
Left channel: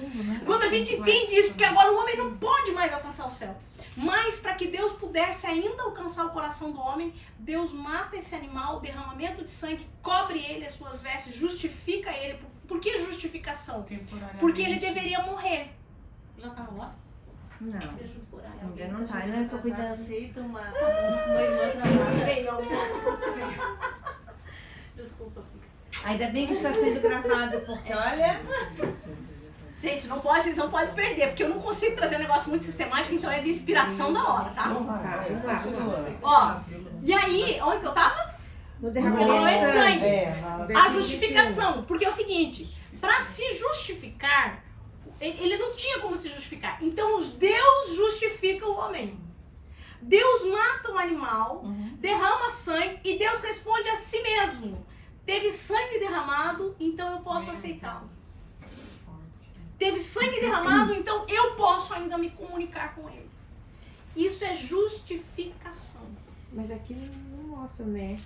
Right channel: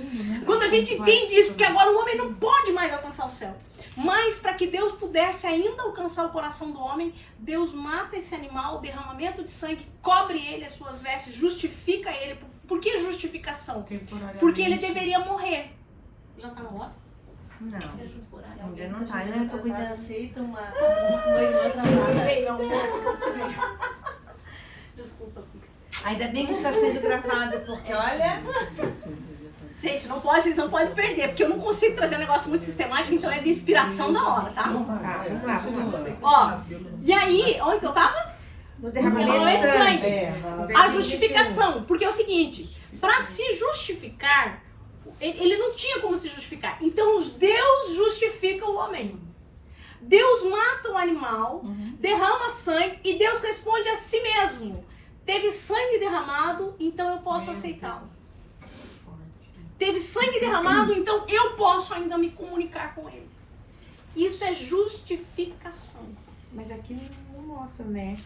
Quando a gente entende isso, porque agora o homem não pode mais alcançar o céu. Mas para que Deus pudesse ainda alcançar o coração do homem, Deus mata esse animal, derramamento de sangue, cobre ele, as suas vestes, justifica ele. Por que justificação? Porque ele deveria morrer. Já está na hora? Não. Deixa eu por aí. Ainda não tá, né? Eu tô cuidando assim, tô uma irmã atrasada. Desculpa, filha. Ainda bem que está sendo gravado, porque olha... Gente, vocês não podem perder, porque eu não consigo trazer um negócio muito sistemático, então é de inspiração da hora, tá? Continua. Ó, e aí, onde que eu tava? No derramamento de sangue. A justificação, porque é o seguinte, para se justificar, ele não tinha como se justificar. Então Deus justifica o homem. Deus mata o animal, derrama sangue e Deus responde a si mesmo. Teve sangue derramado, então eu posso aceitá-lo. Teve sangue derramado, então eu posso ainda me comunicar com ele. Isso é justificação. Mas aqui não mostra, né?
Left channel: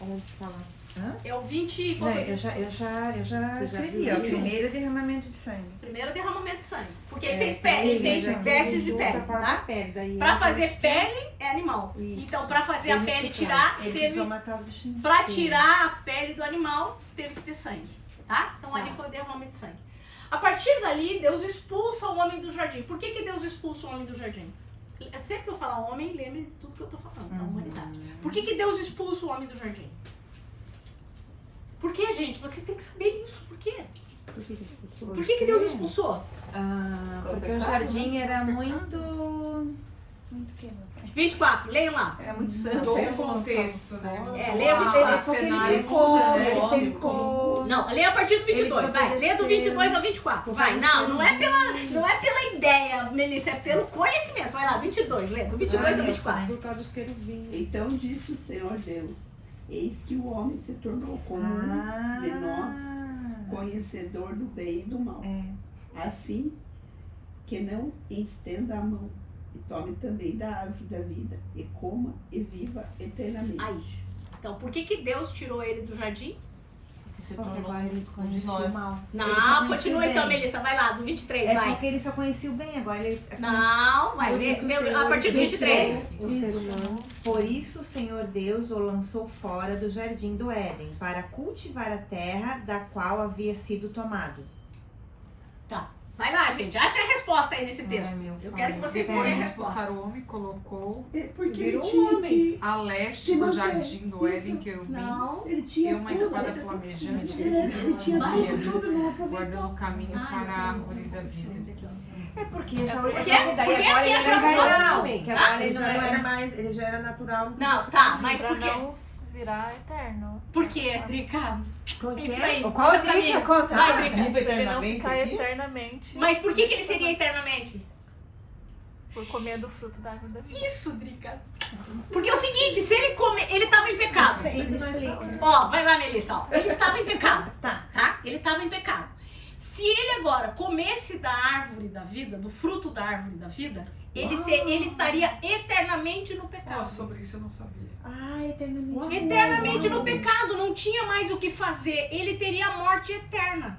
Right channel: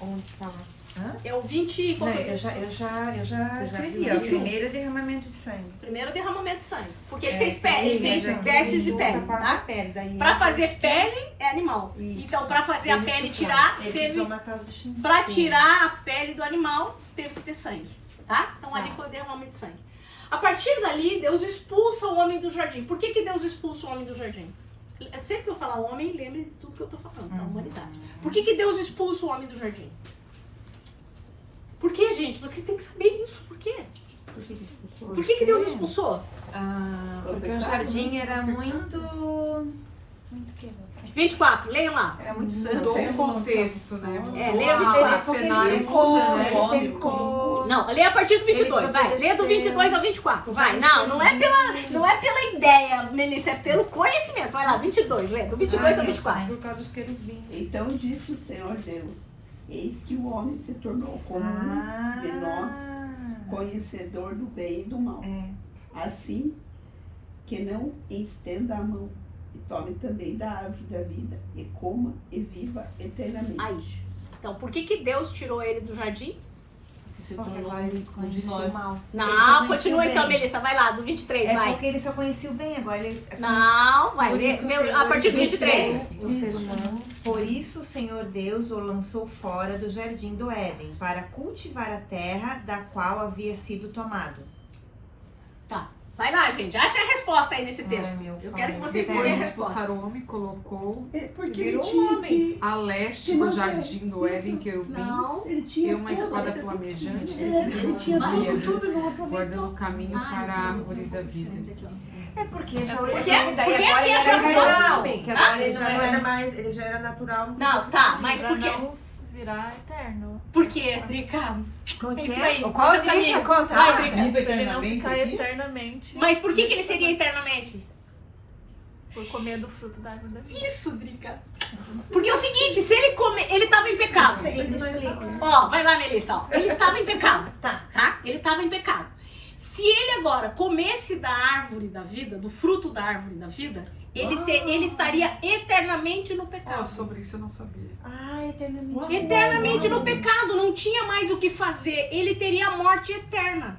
Onde fala. É o 20... Qual Não, que é eu isso? já escrevi. 21. O primeiro derramamento de sangue. Primeiro derramamento de sangue. Porque ele fez pele, ele fez vestes de pele, tá? Daí Pra fazer pele é animal. Então, pra fazer a pele tirar, teve... Pra tirar a pele do animal, teve que ter sangue, tá? Então ali foi o derramamento de sangue. A partir dali, Deus expulsa o homem do jardim. Por que Deus expulsa o homem do jardim? Sempre que eu falar homem, lembre de tudo que eu tô falando, da humanidade. Por que Deus expulsa o homem do jardim? Por que, gente? Vocês têm que saber isso. Por quê? Por que Deus expulsou? Porque o jardim era muito... 24, leiam lá. É muito Mudou o contexto, né? lê Mudou a 24. o cenário muda, né? Não, lê a partir do 22, vai. Lê do 22 ao 24, vai. Não é pela ideia, Melissa, é pelo conhecimento. Vai lá, 22, lê, do 22 ao 24. Então disse o Senhor Deus: eis que o homem se tornou como um de nós, conhecedor do bem e do mal. Assim que não estenda a mão e tome também da árvore da vida e coma e viva eternamente. Aí. Então, por que Deus tirou ele do jardim? Se tornou um de nós. Não, continua então, Melissa, vai lá, do 23, É vai. porque ele só conhecia o bem, agora ele... Não, vai, lê, a partir do 23. Por isso o Senhor Deus o lançou fora do jardim do Éden, para cultivar a terra da qual havia sido tomado. Tá, vai lá, gente, acha a resposta aí nesse texto. meu Eu pai. quero que vocês Depois tenham de a resposta. expulsar o homem, colocou É porque ele Virou tinha homem. que. a leste do jardim do Éden querubins Ele tinha e uma tudo. espada flamejante que Ele tinha tudo, não aproveitou. guardando o caminho para a árvore da vida. É porque... Por quê? Por quê? Quem achou a resposta? Ele já era natural. Não, tá, mas por quê? Virar eterno. Por quê, Drica? É isso aí, Qual qual é o seu Drica? caminho? Conta. Vai, Drica. Viva Ele não eternamente ficar aqui? eternamente Mas por que ele seria eternamente? por comer do fruto da vida. Isso, Drica. Porque é o seguinte, se ele comer, ele estava em pecado. Ó, vai lá, Melissa, ó. Ele estava em pecado, tá? Ele estava em pecado. Se ele agora comesse da árvore da vida, do fruto da árvore da vida, ele estaria eternamente no pecado. Sobre isso eu não sabia. Eternamente. Eternamente no pecado, não tinha mais o que fazer. Ele teria a morte eterna.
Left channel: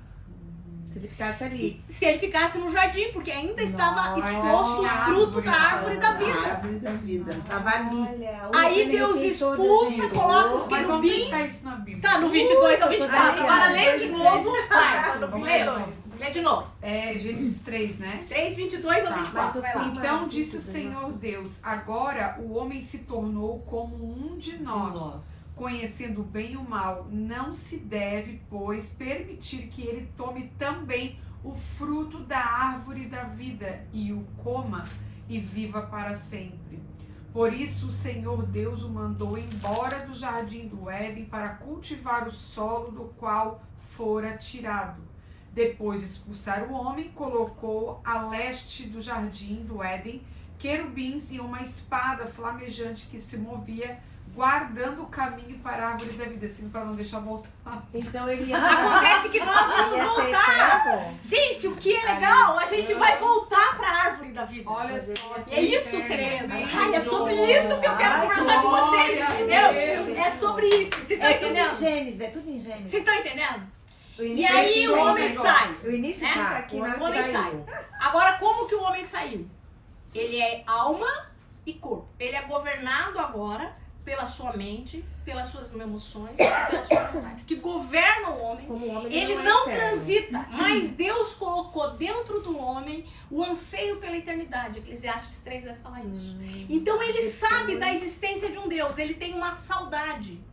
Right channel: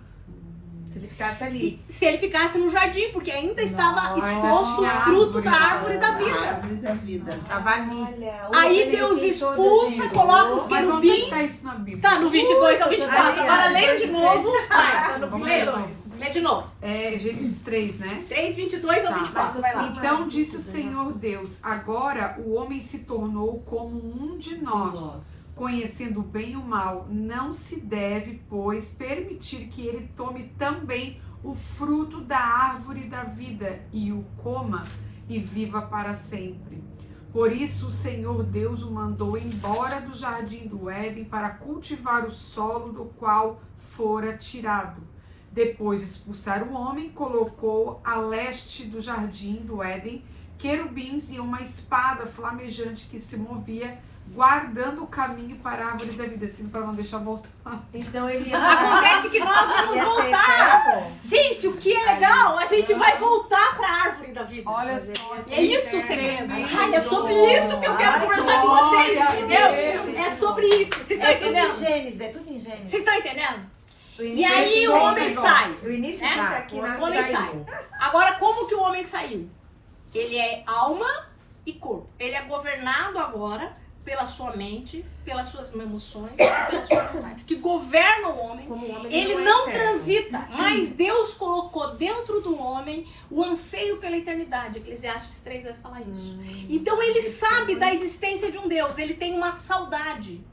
Se ele ficasse ali. Se ele ficasse no jardim, porque ainda estava Ainda exposto o tinha fruto árvore da da árvore da A vida. árvore da vida. Tava ali. Aí Deus expulsa, coloca os Mas onde querubins. está isso na Bíblia? Tá no 22 ao 24. Agora leia de novo. Vai, Vamos leia. de novo. Lê de novo. É Gênesis 3, né? 3, 22 ao Tá. 24. Vai lá. Então disse o Senhor Deus: agora o homem se tornou como um de nós, conhecendo o bem e o mal. Não se deve, pois, permitir que ele tome também o fruto da árvore da vida e o coma e viva para sempre. Por isso o Senhor Deus o mandou embora do jardim do Éden para cultivar o solo do qual fora tirado. Depois de expulsar o homem, colocou a leste do jardim do Éden querubins e uma espada flamejante que se movia, guardando o caminho para a árvore da vida, assim, para não deixar voltar. Então ele... Acontece que nós vamos voltar. Gente, o que é legal, a gente vai voltar para a árvore da vida. Olha só. E é isso o segredo. tremendo. Ai, é sobre isso que eu quero conversar com vocês, Glória a entendeu? Deus. É sobre isso. Vocês estão É tudo em entendendo? Gênesis, é tudo em Gênesis. Vocês estão entendendo? O E início- aí o Fechou o homem negócio. sai. O início É? que tá aqui na O homem sai. Agora, como que o homem saiu? Ele é alma e corpo. Ele é governado agora pela sua mente, pelas suas emoções e pela sua vontade. O que governa o homem, ele não transita, mas Deus colocou dentro do homem o anseio pela eternidade. Eclesiastes 3 vai falar isso. Então ele sabe da existência de um Deus, ele tem uma saudade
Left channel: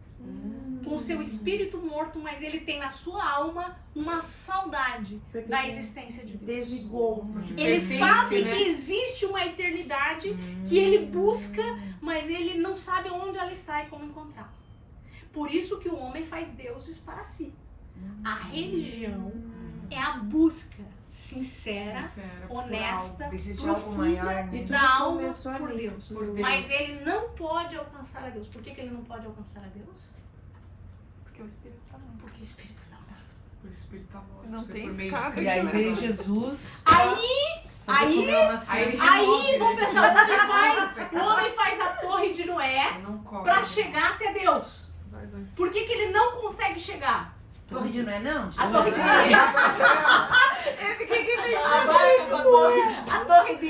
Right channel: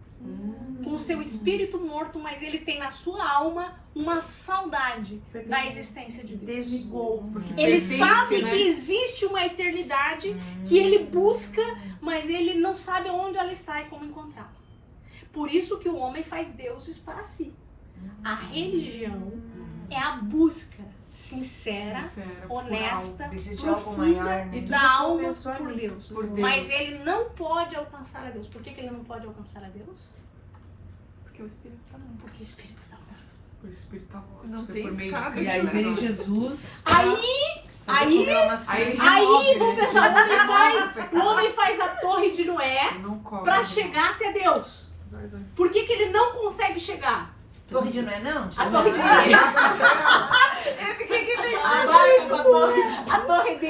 com o seu espírito morto, mas ele tem na sua alma uma saudade da existência de Deus. Desligou. Ele Pertence, sabe né? que existe uma eternidade que ele busca, mas ele não sabe onde ela está e como encontrá-la. Por isso que o homem faz deuses para si. A religião é a busca sincera, honesta, profunda da alma por Deus. Por Deus. Mas ele não pode alcançar a Deus. Por que ele não pode alcançar a Deus? Porque o Espírito tá morto. Porque o Espírito está morto. O Espírito tá morto. Não é tem por meio de escape. Cristo, E aí vem né? Jesus. Aí Aí ele Aí, remove, vamos né? pensar, Ele o homem faz a torre de Noé não corre. para chegar até Deus. Por que ele não consegue chegar? Torre de Noé, não? A torre de... a torre de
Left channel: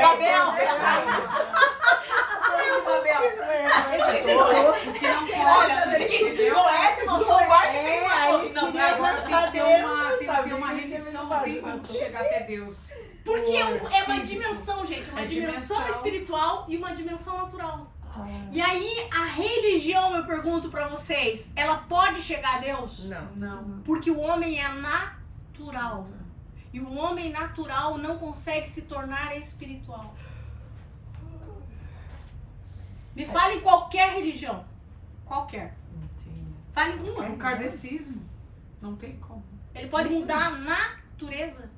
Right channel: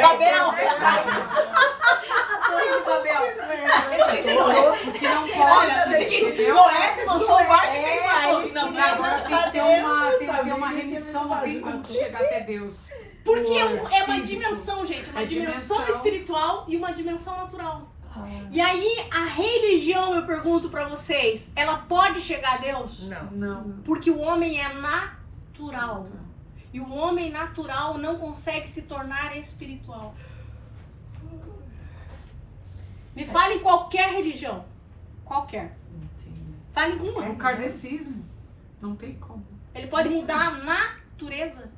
Babel. A torre de Babel. Porque não Olha, pode. é o seguinte, entendeu? Noé desmanchou o barco e fez uma torre. Não, vai. Agora tem que ter uma remissão, não tem como tu chegar até Deus. Porque é uma Físico. dimensão, gente. Uma É dimensão dimensão. espiritual e uma dimensão natural. E aí, a religião, eu pergunto pra vocês, ela pode chegar a Deus? Não. Porque o homem é natural. E o homem natural não consegue se tornar espiritual. Me fale qualquer religião. Qualquer. Fale uma. O kardecismo. Não tem como. Ele pode mudar a natureza?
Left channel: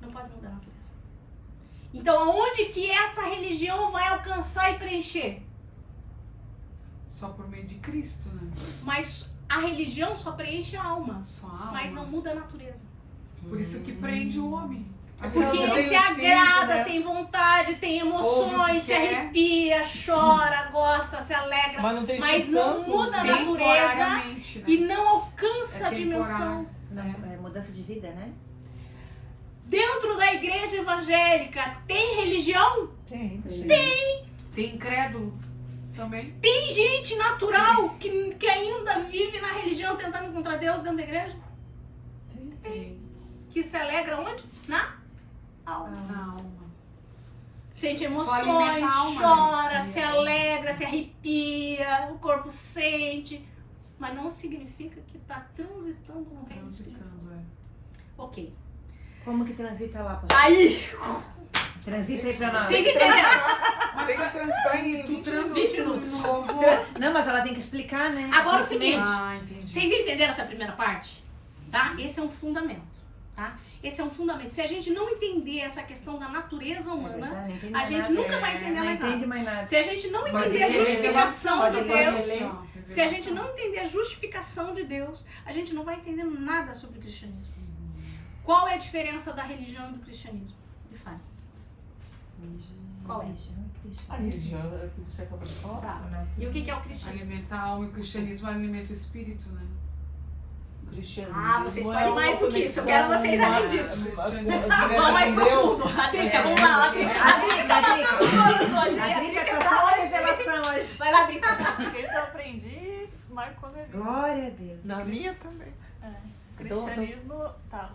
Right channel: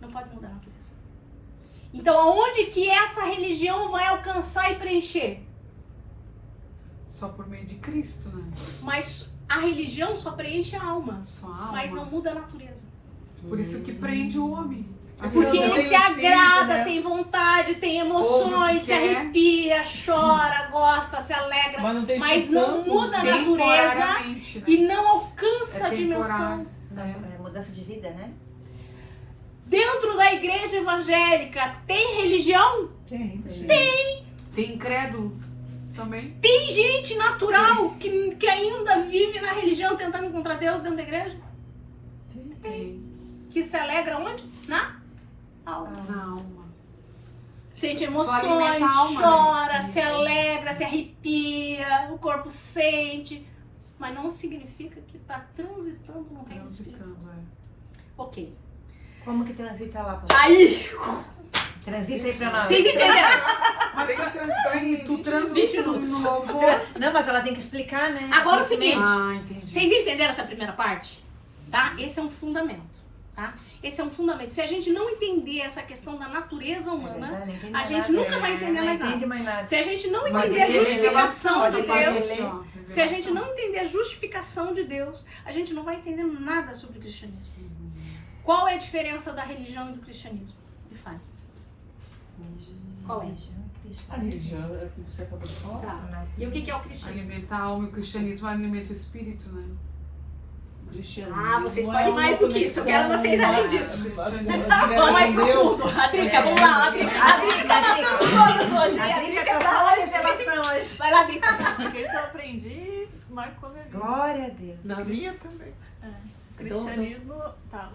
Não pode mudar a natureza. Então, aonde que essa religião vai alcançar e preencher? Só por meio de Cristo, né? Mas a religião só preenche a alma, Só a alma. mas não muda a natureza. Por isso que prende o homem. Porque Não, ele tem se espírito, agrada, né? tem vontade, tem Ouve o emoções, que se quer. arrepia, chora, gosta, se alegra, Mas não tem mas Espírito não Santo. muda a natureza Temporariamente, né? e não alcança a É dimensão. temporário. Mudança de vida, né? Dentro da igreja evangélica tem religião? Tem. Tem incrédulo também. Tem gente natural que ainda vive na religião tentando encontrar Deus dentro da igreja? Tem. Que se alegra onde? Na alma. Na alma. Sente Só emoções, alimenta a alma, chora, né? se alegra, se arrepia, o corpo sente. Mas não significa que está transitando no reino do Espírito. Transitando, é. Ok. Como que transita lá? Aí, Transita aí pra nós. vocês entenderam? Mas Tem que transitar em tu 20 transita minutos. no louvor. Não, mas ela tem que explicar, né? Agora é o seguinte. Ah, entendi. Vocês entenderam essa primeira parte? Tá? Esse é um fundamento, tá? Esse é um fundamento. Se a gente não entender essa questão da natureza humana, a gente nunca vai entender mais nada. Se a gente não Mas entender a é justificação revelação, de essa parte Deus, aqui, ó, se a gente revelação. não entender a justificação de Deus, a gente não vai entender nada sobre o cristianismo. Qual é a diferença da religião e do cristianismo? Me fale. Qual é? A religião é que você acabou de falar. Tá. E o que é o cristianismo? Alimenta a alma e o cristianismo alimenta o espírito, né? O cristianismo Ah, vocês é podem uma mais do que isso. Eu quero conexão, vocês além uma- disso. uma- Vamos mais Deus. profundo. A Drica, vamos lá. A Drica tá matando todas hoje. A Drica tá hoje. Vai lá, Drica. Porque isso eu aprendi, marcou minha vida. Glória a Deus. Na minha também. Cristianismo, tá.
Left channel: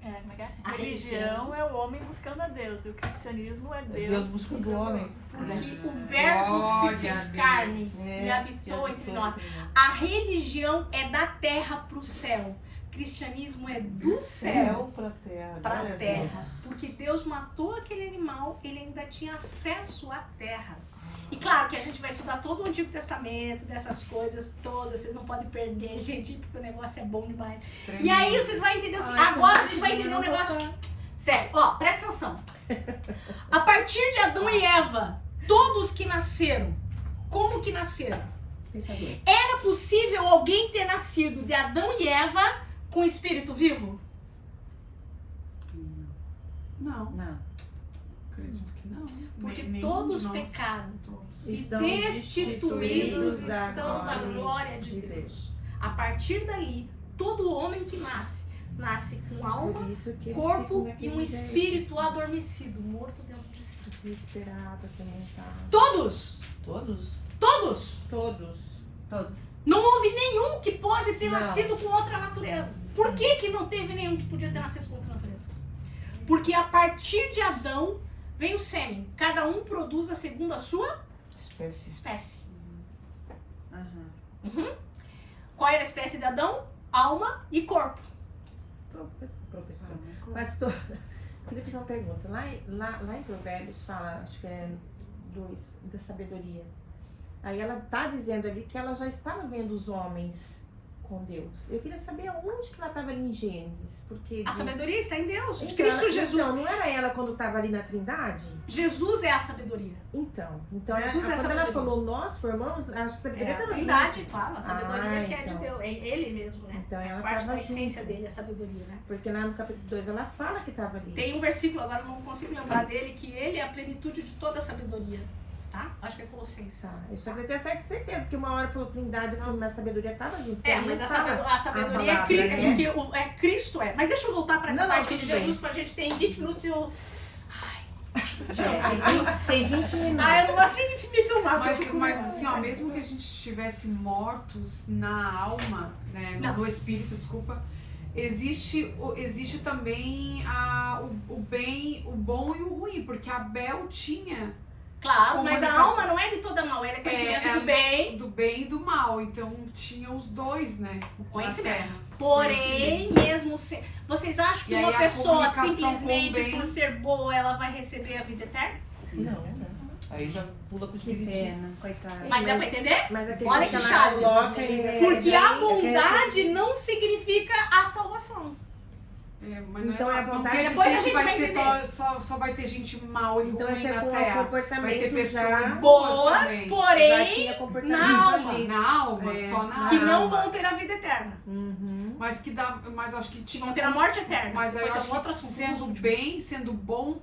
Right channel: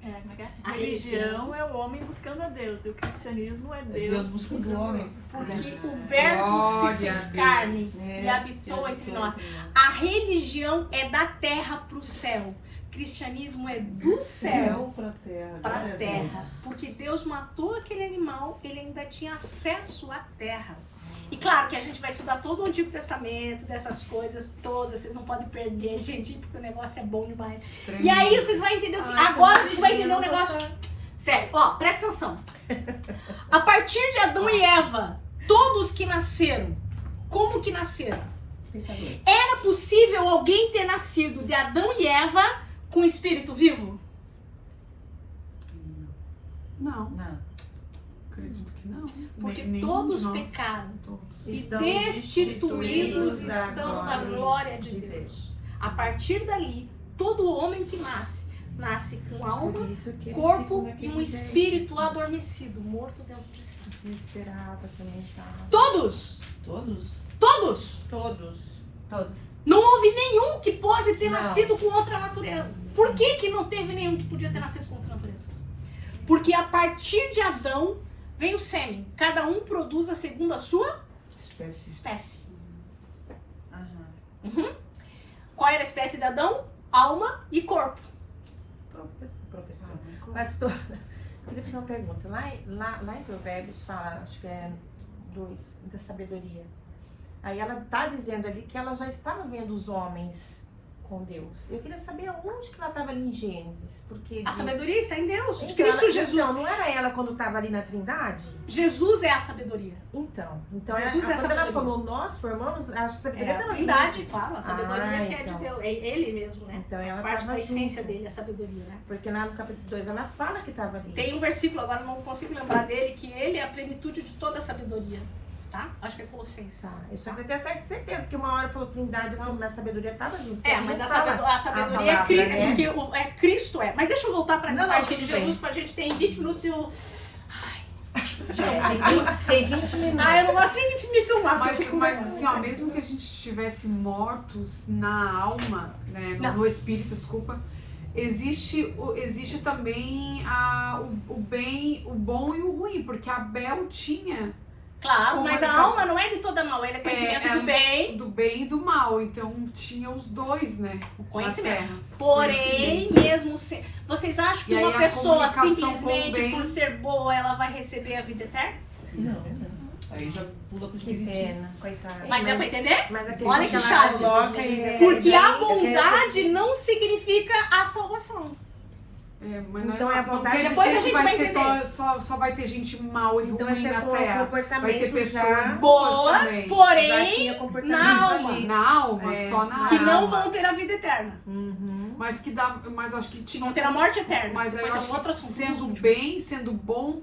Como é que é? A Religião é o homem buscando a Deus. E o cristianismo é Deus. Deus buscando o homem. Porque o verbo Glória se fez a carne Deus. e habitou entre nós. A religião é da terra pro céu. Cristianismo é do céu pra terra. para a glória a terra. Deus. Porque Deus matou aquele animal, ele ainda tinha acesso à terra. E claro que a gente vai estudar todo o Antigo Testamento, dessas coisas todas, vocês não podem perder, gente, porque o negócio é bom demais. E aí vocês vão entender, agora a gente vai entender um negócio sério. Ó, presta atenção. A partir de Adão e Eva, todos que nasceram, como que nasceram? Era possível alguém ter nascido de Adão e Eva com espírito vivo? Não, Não. acredito que não. Porque Nenhum todos de nós. pecaram. Todos. E Estão destituídos destituídos estão da da glória de Deus. A partir dali, todo homem que nasce, nasce com alma, Por isso que corpo ele e um espírito adormecido, morto dentro de si. desesperado, atormentado. Todos! Todos? Todos! Todos. Não houve nenhum que pode ter Não. nascido com outra natureza. Por que não teve nenhum que podia ter nascido com outra natureza? Porque a partir de Adão vem o sêmen. Cada um produz a segundo a sua Espécie. espécie. Aham. Qual era a espécie de Adão? Alma e corpo. Professor, pastor, queria fazer uma pergunta. Lá em Provérbios fala, acho que é 2, da sabedoria. Aí ela está dizendo ali que ela já estava vendo os homens com Deus. Eu queria saber onde que ela estava ali em Gênesis. Porque A Deus- sabedoria está em Deus. Então, Cristo ela- Jesus. Então, não era ela quando estava ali na Trindade? Jesus é a sabedoria. Então Jesus é a quando ela sabedoria. falou, nós formamos, a sabedoria É a estava Trindade, junto. claro. A sabedoria que é de então. Deus. É ele mesmo, né? Então, Faz ela parte tava da essência junto. dele, a sabedoria, né? Porque lá no capítulo 2 ela fala que estava ali. Tem um versículo, agora não consigo lembrar dele, que ele é a plenitude de toda a sabedoria. Tá? Acho que é Colossenses. Eu só tenho certeza que uma hora falou Trindade, não, na sabedoria estava junto. É, mas a sabedoria é palavra, Cristo, né? porque Cristo é. Mas deixa eu voltar para essa Não, parte não, de tudo Jesus, pra gente ter em 20 minutos e eu... Tem 20 minutos. Ah, eu não gosto nem de me filmar, porque eu fico Mas assim, ó, mesmo que a gente estivesse mortos na alma, né, Não. no espírito, desculpa, existe também o bem, o bom e o ruim, porque Abel tinha Claro, mas a Comunicação. alma não é de toda mal, ela é conhecimento É, do bem, do bem e do mal, então tinha os dois, né? o na conhecimento. Terra. Porém, mesmo se... Vocês acham que E aí uma a pessoa comunicação com o simplesmente bem- por ser boa, ela vai receber a vida eterna? Não, não. Aí já pula com o Que espiritismo. pena, coitado. Mas dá pra entender? Mas aquele Olha que ela chave. coloca, ele- Porque a bondade não significa a salvação. Mas não, Então, não a quer depois a dizer que gente vai vai ser entender. só vai ter gente mal e Então, ruim esse na é Terra. comportamento Vai ter pessoas já- boas Boas, também. porém, Aqui é comportamento na alma. ali. Na alma, É. só na alma. Que não vão ter a vida eterna. Mas que dá, mas eu acho que tinha Vão ter a morte eterna. Mas aí eu Depois acho é um outro que assunto. sendo bem, sendo bom,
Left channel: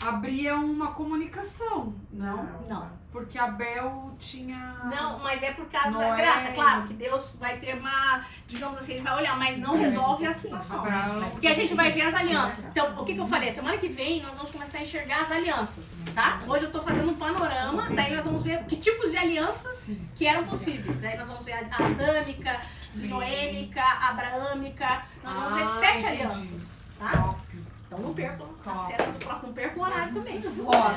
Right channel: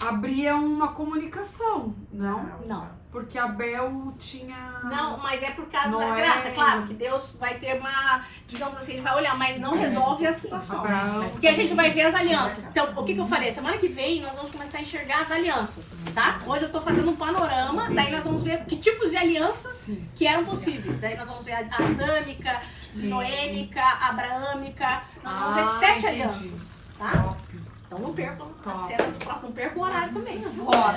abria uma comunicação, não? Não. Porque Abel tinha... Não, mas é por causa da Noé. graça. Claro que Deus vai ter uma, digamos assim, ele vai olhar, mas não resolve a situação. Abraão. Porque a gente vai ver as alianças. Então, o que eu falei? Semana que vem nós vamos começar a enxergar as alianças, tá? Hoje eu tô fazendo um panorama, daí nós vamos ver que tipos de alianças Sim. que eram possíveis. Aí nós vamos ver a adâmica, Sim. noêmica, abraâmica. Nós vamos ver 7 entendi. alianças, tá? Top. Então não percam as Top. cenas do próximo, não percam o horário também. Ó,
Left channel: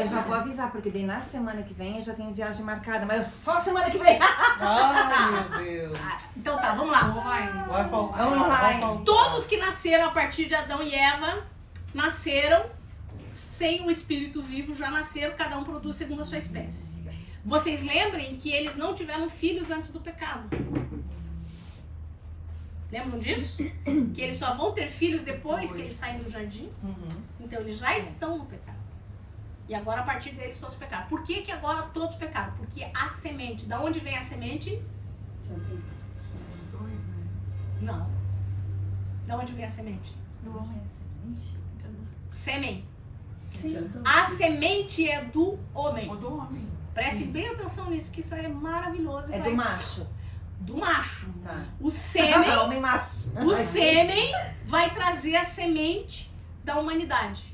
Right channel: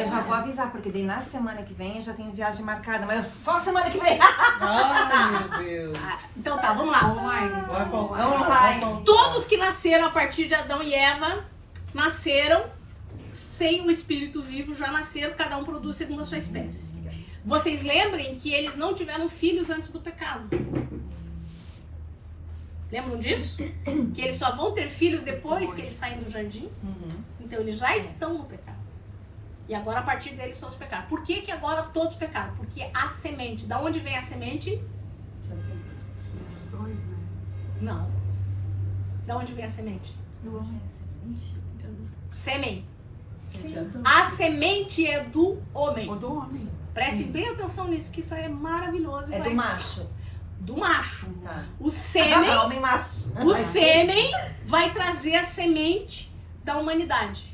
eu já vou avisar, porque daí na semana que vem eu já tenho viagem marcada, mas é só semana que vem. Ai, meu Deus. Então tá, vamos lá. Online. Vai faltar. Vamos lá. Vai faltar. Todos que nasceram a partir de Adão e Eva nasceram sem o espírito vivo, já nasceram, cada um produz segundo a sua espécie. Vocês lembrem que eles não tiveram filhos antes do pecado. Lembram disso? Que eles só vão ter filhos depois que eles saem do jardim. Uhum. Então eles já estão no pecado. E agora a partir deles todos pecaram. Por que agora todos pecaram? Porque a semente, da onde vem a semente? Os dois, né? Não. Da onde vem a semente? Sêmen. Sim. A semente é do homem. O do homem. Preste bem atenção nisso, que isso aí é maravilhoso. e É vai- do macho. Do macho. Tá. O sêmen, Homem macho. o sêmen vai trazer a semente da humanidade.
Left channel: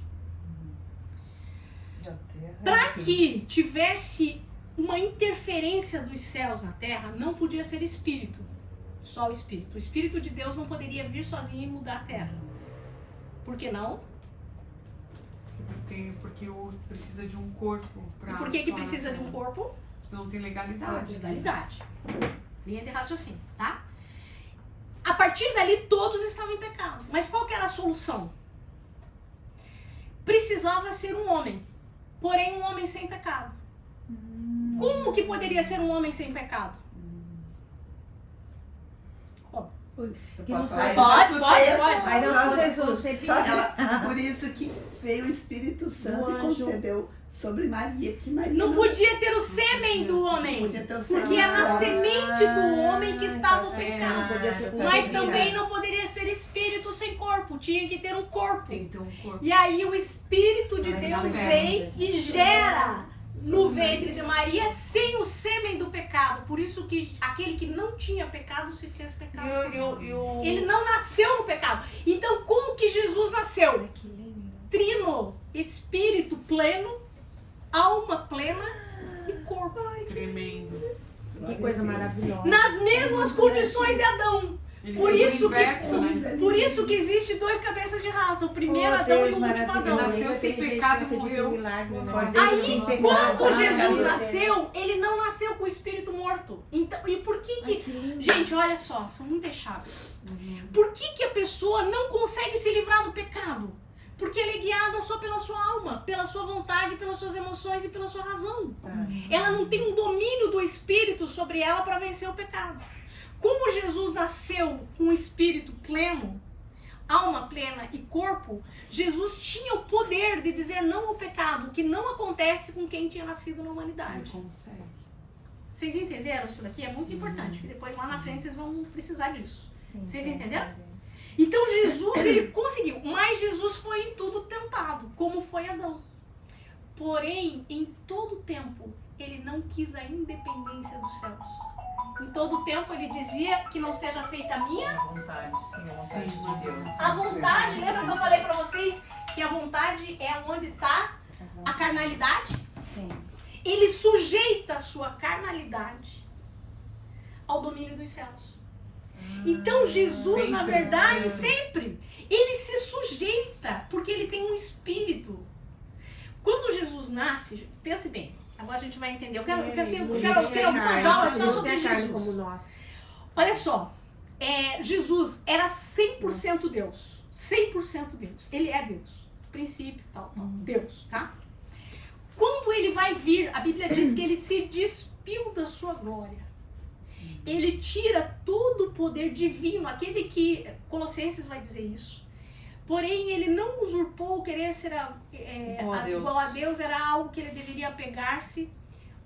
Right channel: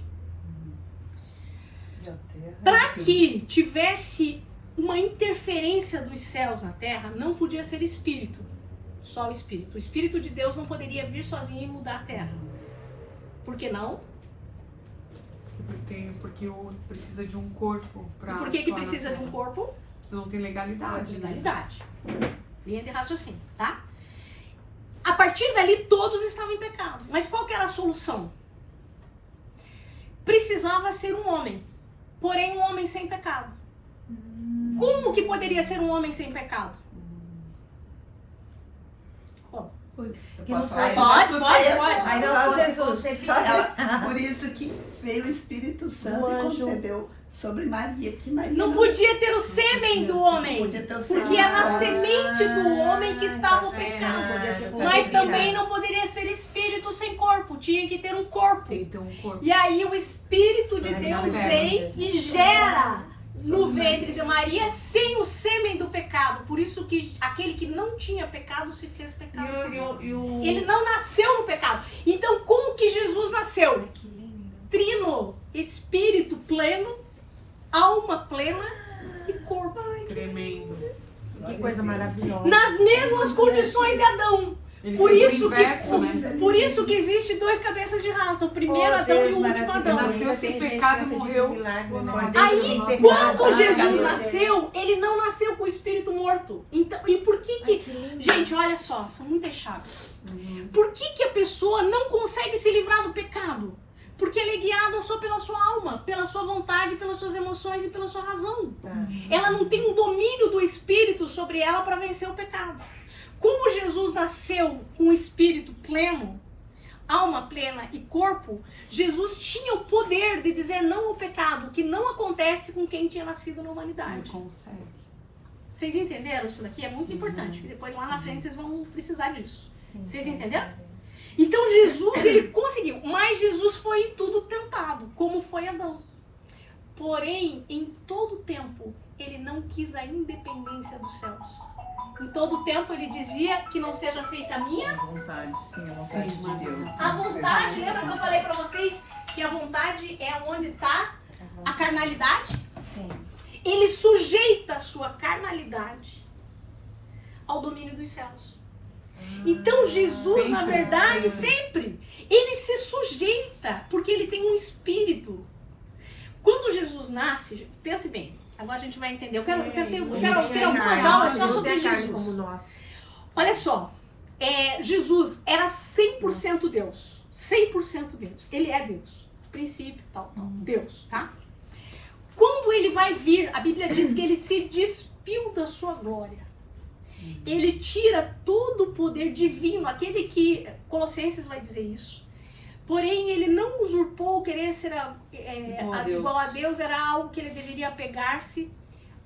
Da terra. Para que tivesse uma interferência dos céus na terra, não podia ser espírito. Só o espírito. O espírito de Deus não poderia vir sozinho e mudar a terra. Por que não? Porque precisa de um corpo para. Por que precisa de um corpo? Senão não tem legalidade. Né? Legalidade. Linha de raciocínio, tá? A partir dali, todos estavam em pecado. Mas qual que era a solução? Precisava ser um homem. Porém, um homem sem pecado. Como que poderia ser um homem sem pecado? Como? Posso falar? Pode. Mas Só só Jesus. Jesus. Por isso que veio o Espírito Santo O e anjo. concebeu sobre Maria, porque Maria Não podia ter o sêmen do homem. podia ter o Porque sêmen é na do semente do homem que estava o É, pecado. podia ser Mas possível. também não poderia ser espírito sem corpo. Tinha que ter um corpo. Tem que ter um corpo. E aí o Espírito de Mas Deus não vem e gera no ventre de Maria sem o sêmen do pecado. Por isso que aquele que não tinha pecado se fez pecado por nós. Ele não nasceu no pecado. Então como que Jesus nasceu? Que lindo. Trino, espírito pleno, alma plena e corpo. Tremendo. Que coisa maravilhosa. Nas mesmas condições de Adão. Ele Por fez isso o inverso, né? Por isso que existe 2 cabeças de raça. O primeiro Adão e o último Adão. Nasceu sem pecado e morreu por nós. Aí, Nossa. quando Jesus nasceu, ele não nasceu com o espírito morto. Então, e por que Gente, olha só, são muitas chaves. Por que a pessoa não consegue se livrar do pecado? Porque ela é guiada só pela sua alma, pela sua vontade, pelas suas emoções e pela sua razão. Ela não tem um domínio do espírito sobre ela para vencer o pecado. Como Jesus nasceu com o espírito pleno, alma plena e corpo, Jesus tinha o poder de dizer não ao pecado, que não acontece com quem tinha nascido na Ele humanidade. consegue. Vocês entenderam isso daqui? É muito importante, porque depois lá na frente vocês vão precisar disso. Vocês entenderam? Então Jesus, ele conseguiu, mas Jesus foi em tudo tentado, como foi Adão. Porém, em todo tempo, ele não quis a independência dos céus. Em todo tempo ele dizia que não seja feita a minha Vontade, sim, a Sim, vontade de Deus. a vontade. Lembra que eu falei pra vocês que a vontade é onde tá a carnalidade? Sim. Ele sujeita a sua carnalidade ao domínio dos céus. Então Jesus, Sempre, na verdade, sempre. ele se sujeita, porque ele tem um espírito. Quando Jesus nasce, pense bem, agora a gente vai entender. Eu quero ter algumas aulas só sobre Jesus. Olha só, Jesus era 100% Deus. 100% Deus. Ele é Deus. Princípio, tal, Deus, tá? quando ele vai vir, a Bíblia diz que ele se despiu da sua glória. Ele tira todo o poder divino, aquele que, Colossenses vai dizer isso. Porém, ele não usurpou, querer ser igual a Deus, era algo que ele deveria apegar-se,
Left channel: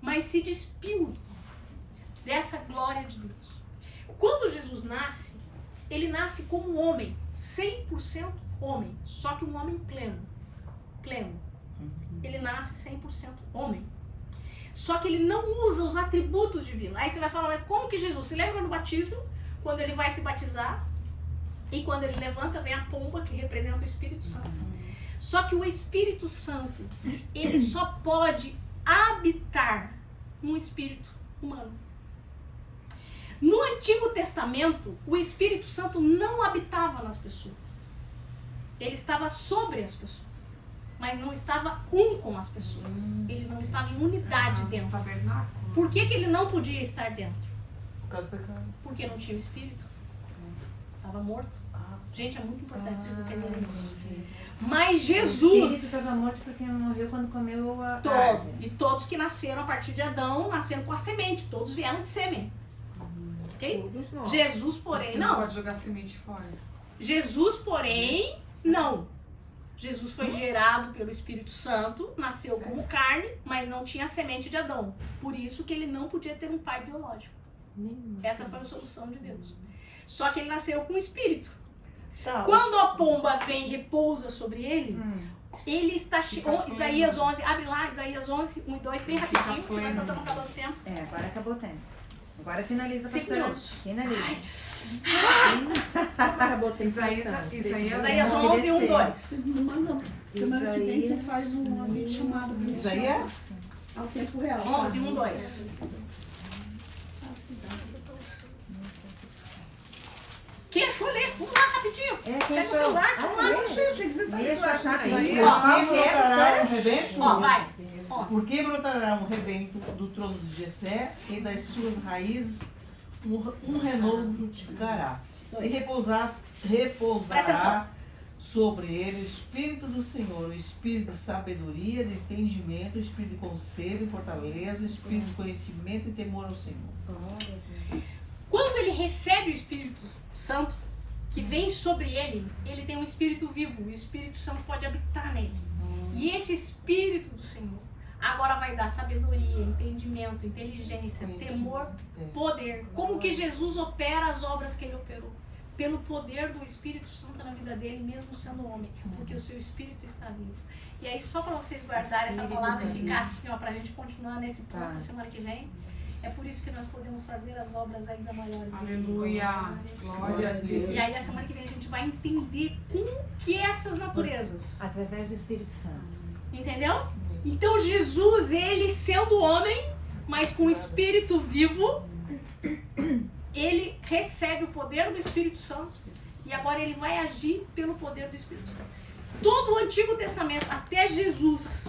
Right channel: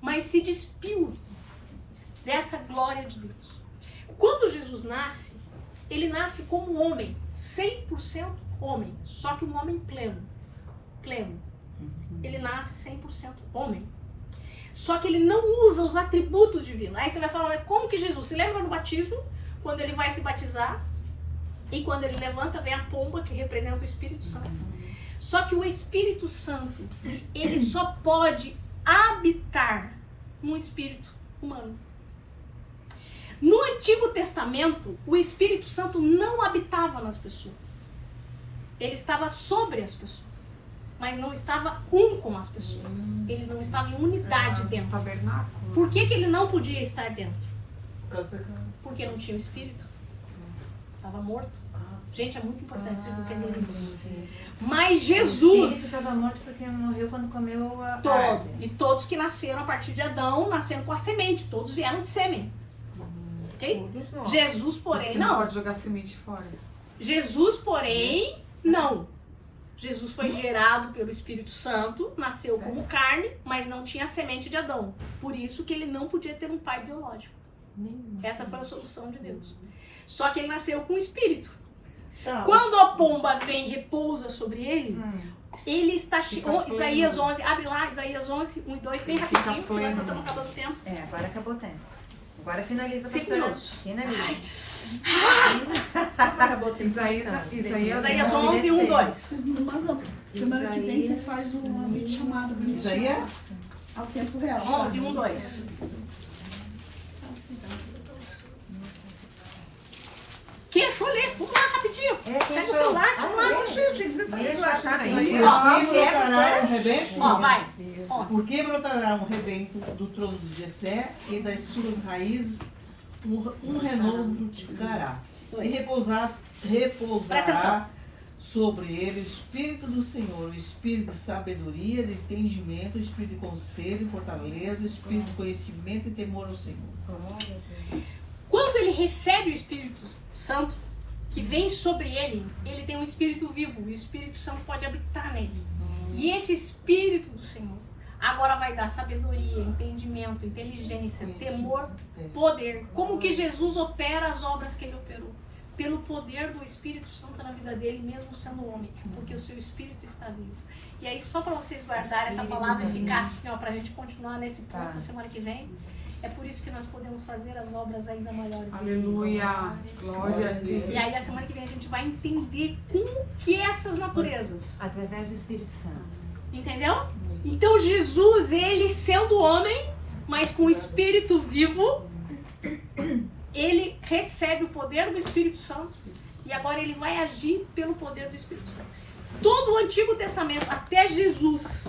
mas se despiu dessa glória de Deus. Quando Jesus nasce, ele nasce como homem, 100% homem, só que um homem pleno. Ele nasce 100% homem. Só que ele não usa os atributos divinos. Aí você vai falar, mas como que Jesus? Se lembra no batismo? Quando ele vai se batizar e quando ele levanta, vem a pomba que representa o Espírito Santo. Só que o Espírito Santo, ele só pode habitar no espírito humano. No Antigo Testamento, o Espírito Santo não habitava nas pessoas. Ele estava sobre as pessoas, mas não estava com as pessoas. Ele não estava em unidade dentro. Tabernáculo. Por que ele não podia estar dentro? Por causa do pecado. Porque não tinha o Espírito. Estava morto. Gente, é muito importante vocês entenderem isso. Mas O Jesus... espírito estava morto porque morreu quando comeu a E todos que nasceram a partir de Adão, nasceram com a semente. Todos vieram de sêmen. Ok? Jesus, porém, Você não não. pode jogar semente fora. Jesus, porém, não. Jesus foi gerado pelo Espírito Santo, nasceu como carne, mas não tinha a semente de Adão. Por isso que ele não podia ter um pai biológico. Essa foi a solução de Deus. Só que ele nasceu com o Espírito. Tá. Quando a pomba vem e repousa sobre ele, ele está cheio. Isaías 11, abre lá, Isaías 11, 1 e 2, bem rapidinho, porque nós só estamos acabando o tempo. Agora acabou o tempo. Agora finaliza. 5 minutos. Finaliza. Isaías 11, 1, 2. Semana que vem vocês fazem um vídeo chamado Isaías? ao tempo real. 11, 1, 2. Quem achou ler? Vamos lá, rapidinho. Pega o celular, vamos lá. Por que brotará um rebento? Ó, vai. Por que brotará um rebento do trono de Jessé e das suas raízes um renovo frutificará? E Presta repousará atenção. sobre ele o Espírito do Senhor, o Espírito de sabedoria, de entendimento, o Espírito de conselho e fortaleza, o Espírito de conhecimento e temor ao Senhor. Quando ele recebe o Espírito Santo, que vem sobre ele, ele tem um Espírito vivo. E o Espírito Santo pode habitar nele. E esse Espírito do Senhor agora vai dar sabedoria, entendimento, inteligência, temor, poder. Como que Jesus opera as obras que ele operou? Pelo poder do Espírito Santo na vida dele, mesmo sendo homem. Porque o seu Espírito está vivo. E aí, só para vocês guardarem essa palavra e ficar assim, ó, pra gente continuar nesse ponto a semana que vem. É por isso que nós podemos fazer as obras ainda maiores. Aleluia. Glória a Deus. E aí, a semana que vem, a gente vai entender como que é essas naturezas. Através do Espírito Santo. Entendeu? Então, Jesus, ele sendo homem, mas com o Espírito vivo, ele recebe o poder do Espírito Santo e agora ele vai agir pelo poder do Espírito Santo. Todo o Antigo Testamento, até Jesus,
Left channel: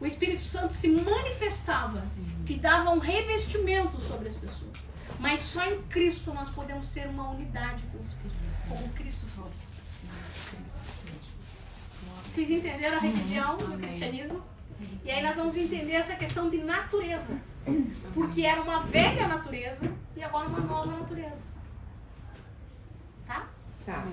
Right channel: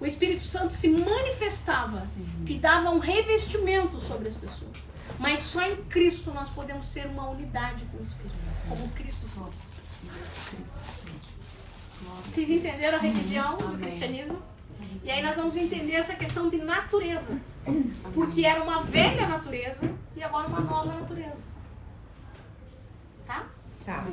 o Espírito Santo se manifestava e dava um revestimento sobre as pessoas. Mas só em Cristo nós podemos ser uma unidade com o Espírito, como Cristo foi. Vocês entenderam a religião do cristianismo? E aí nós vamos entender essa questão de natureza. Porque era uma velha natureza e agora uma nova natureza. Tá? Tá.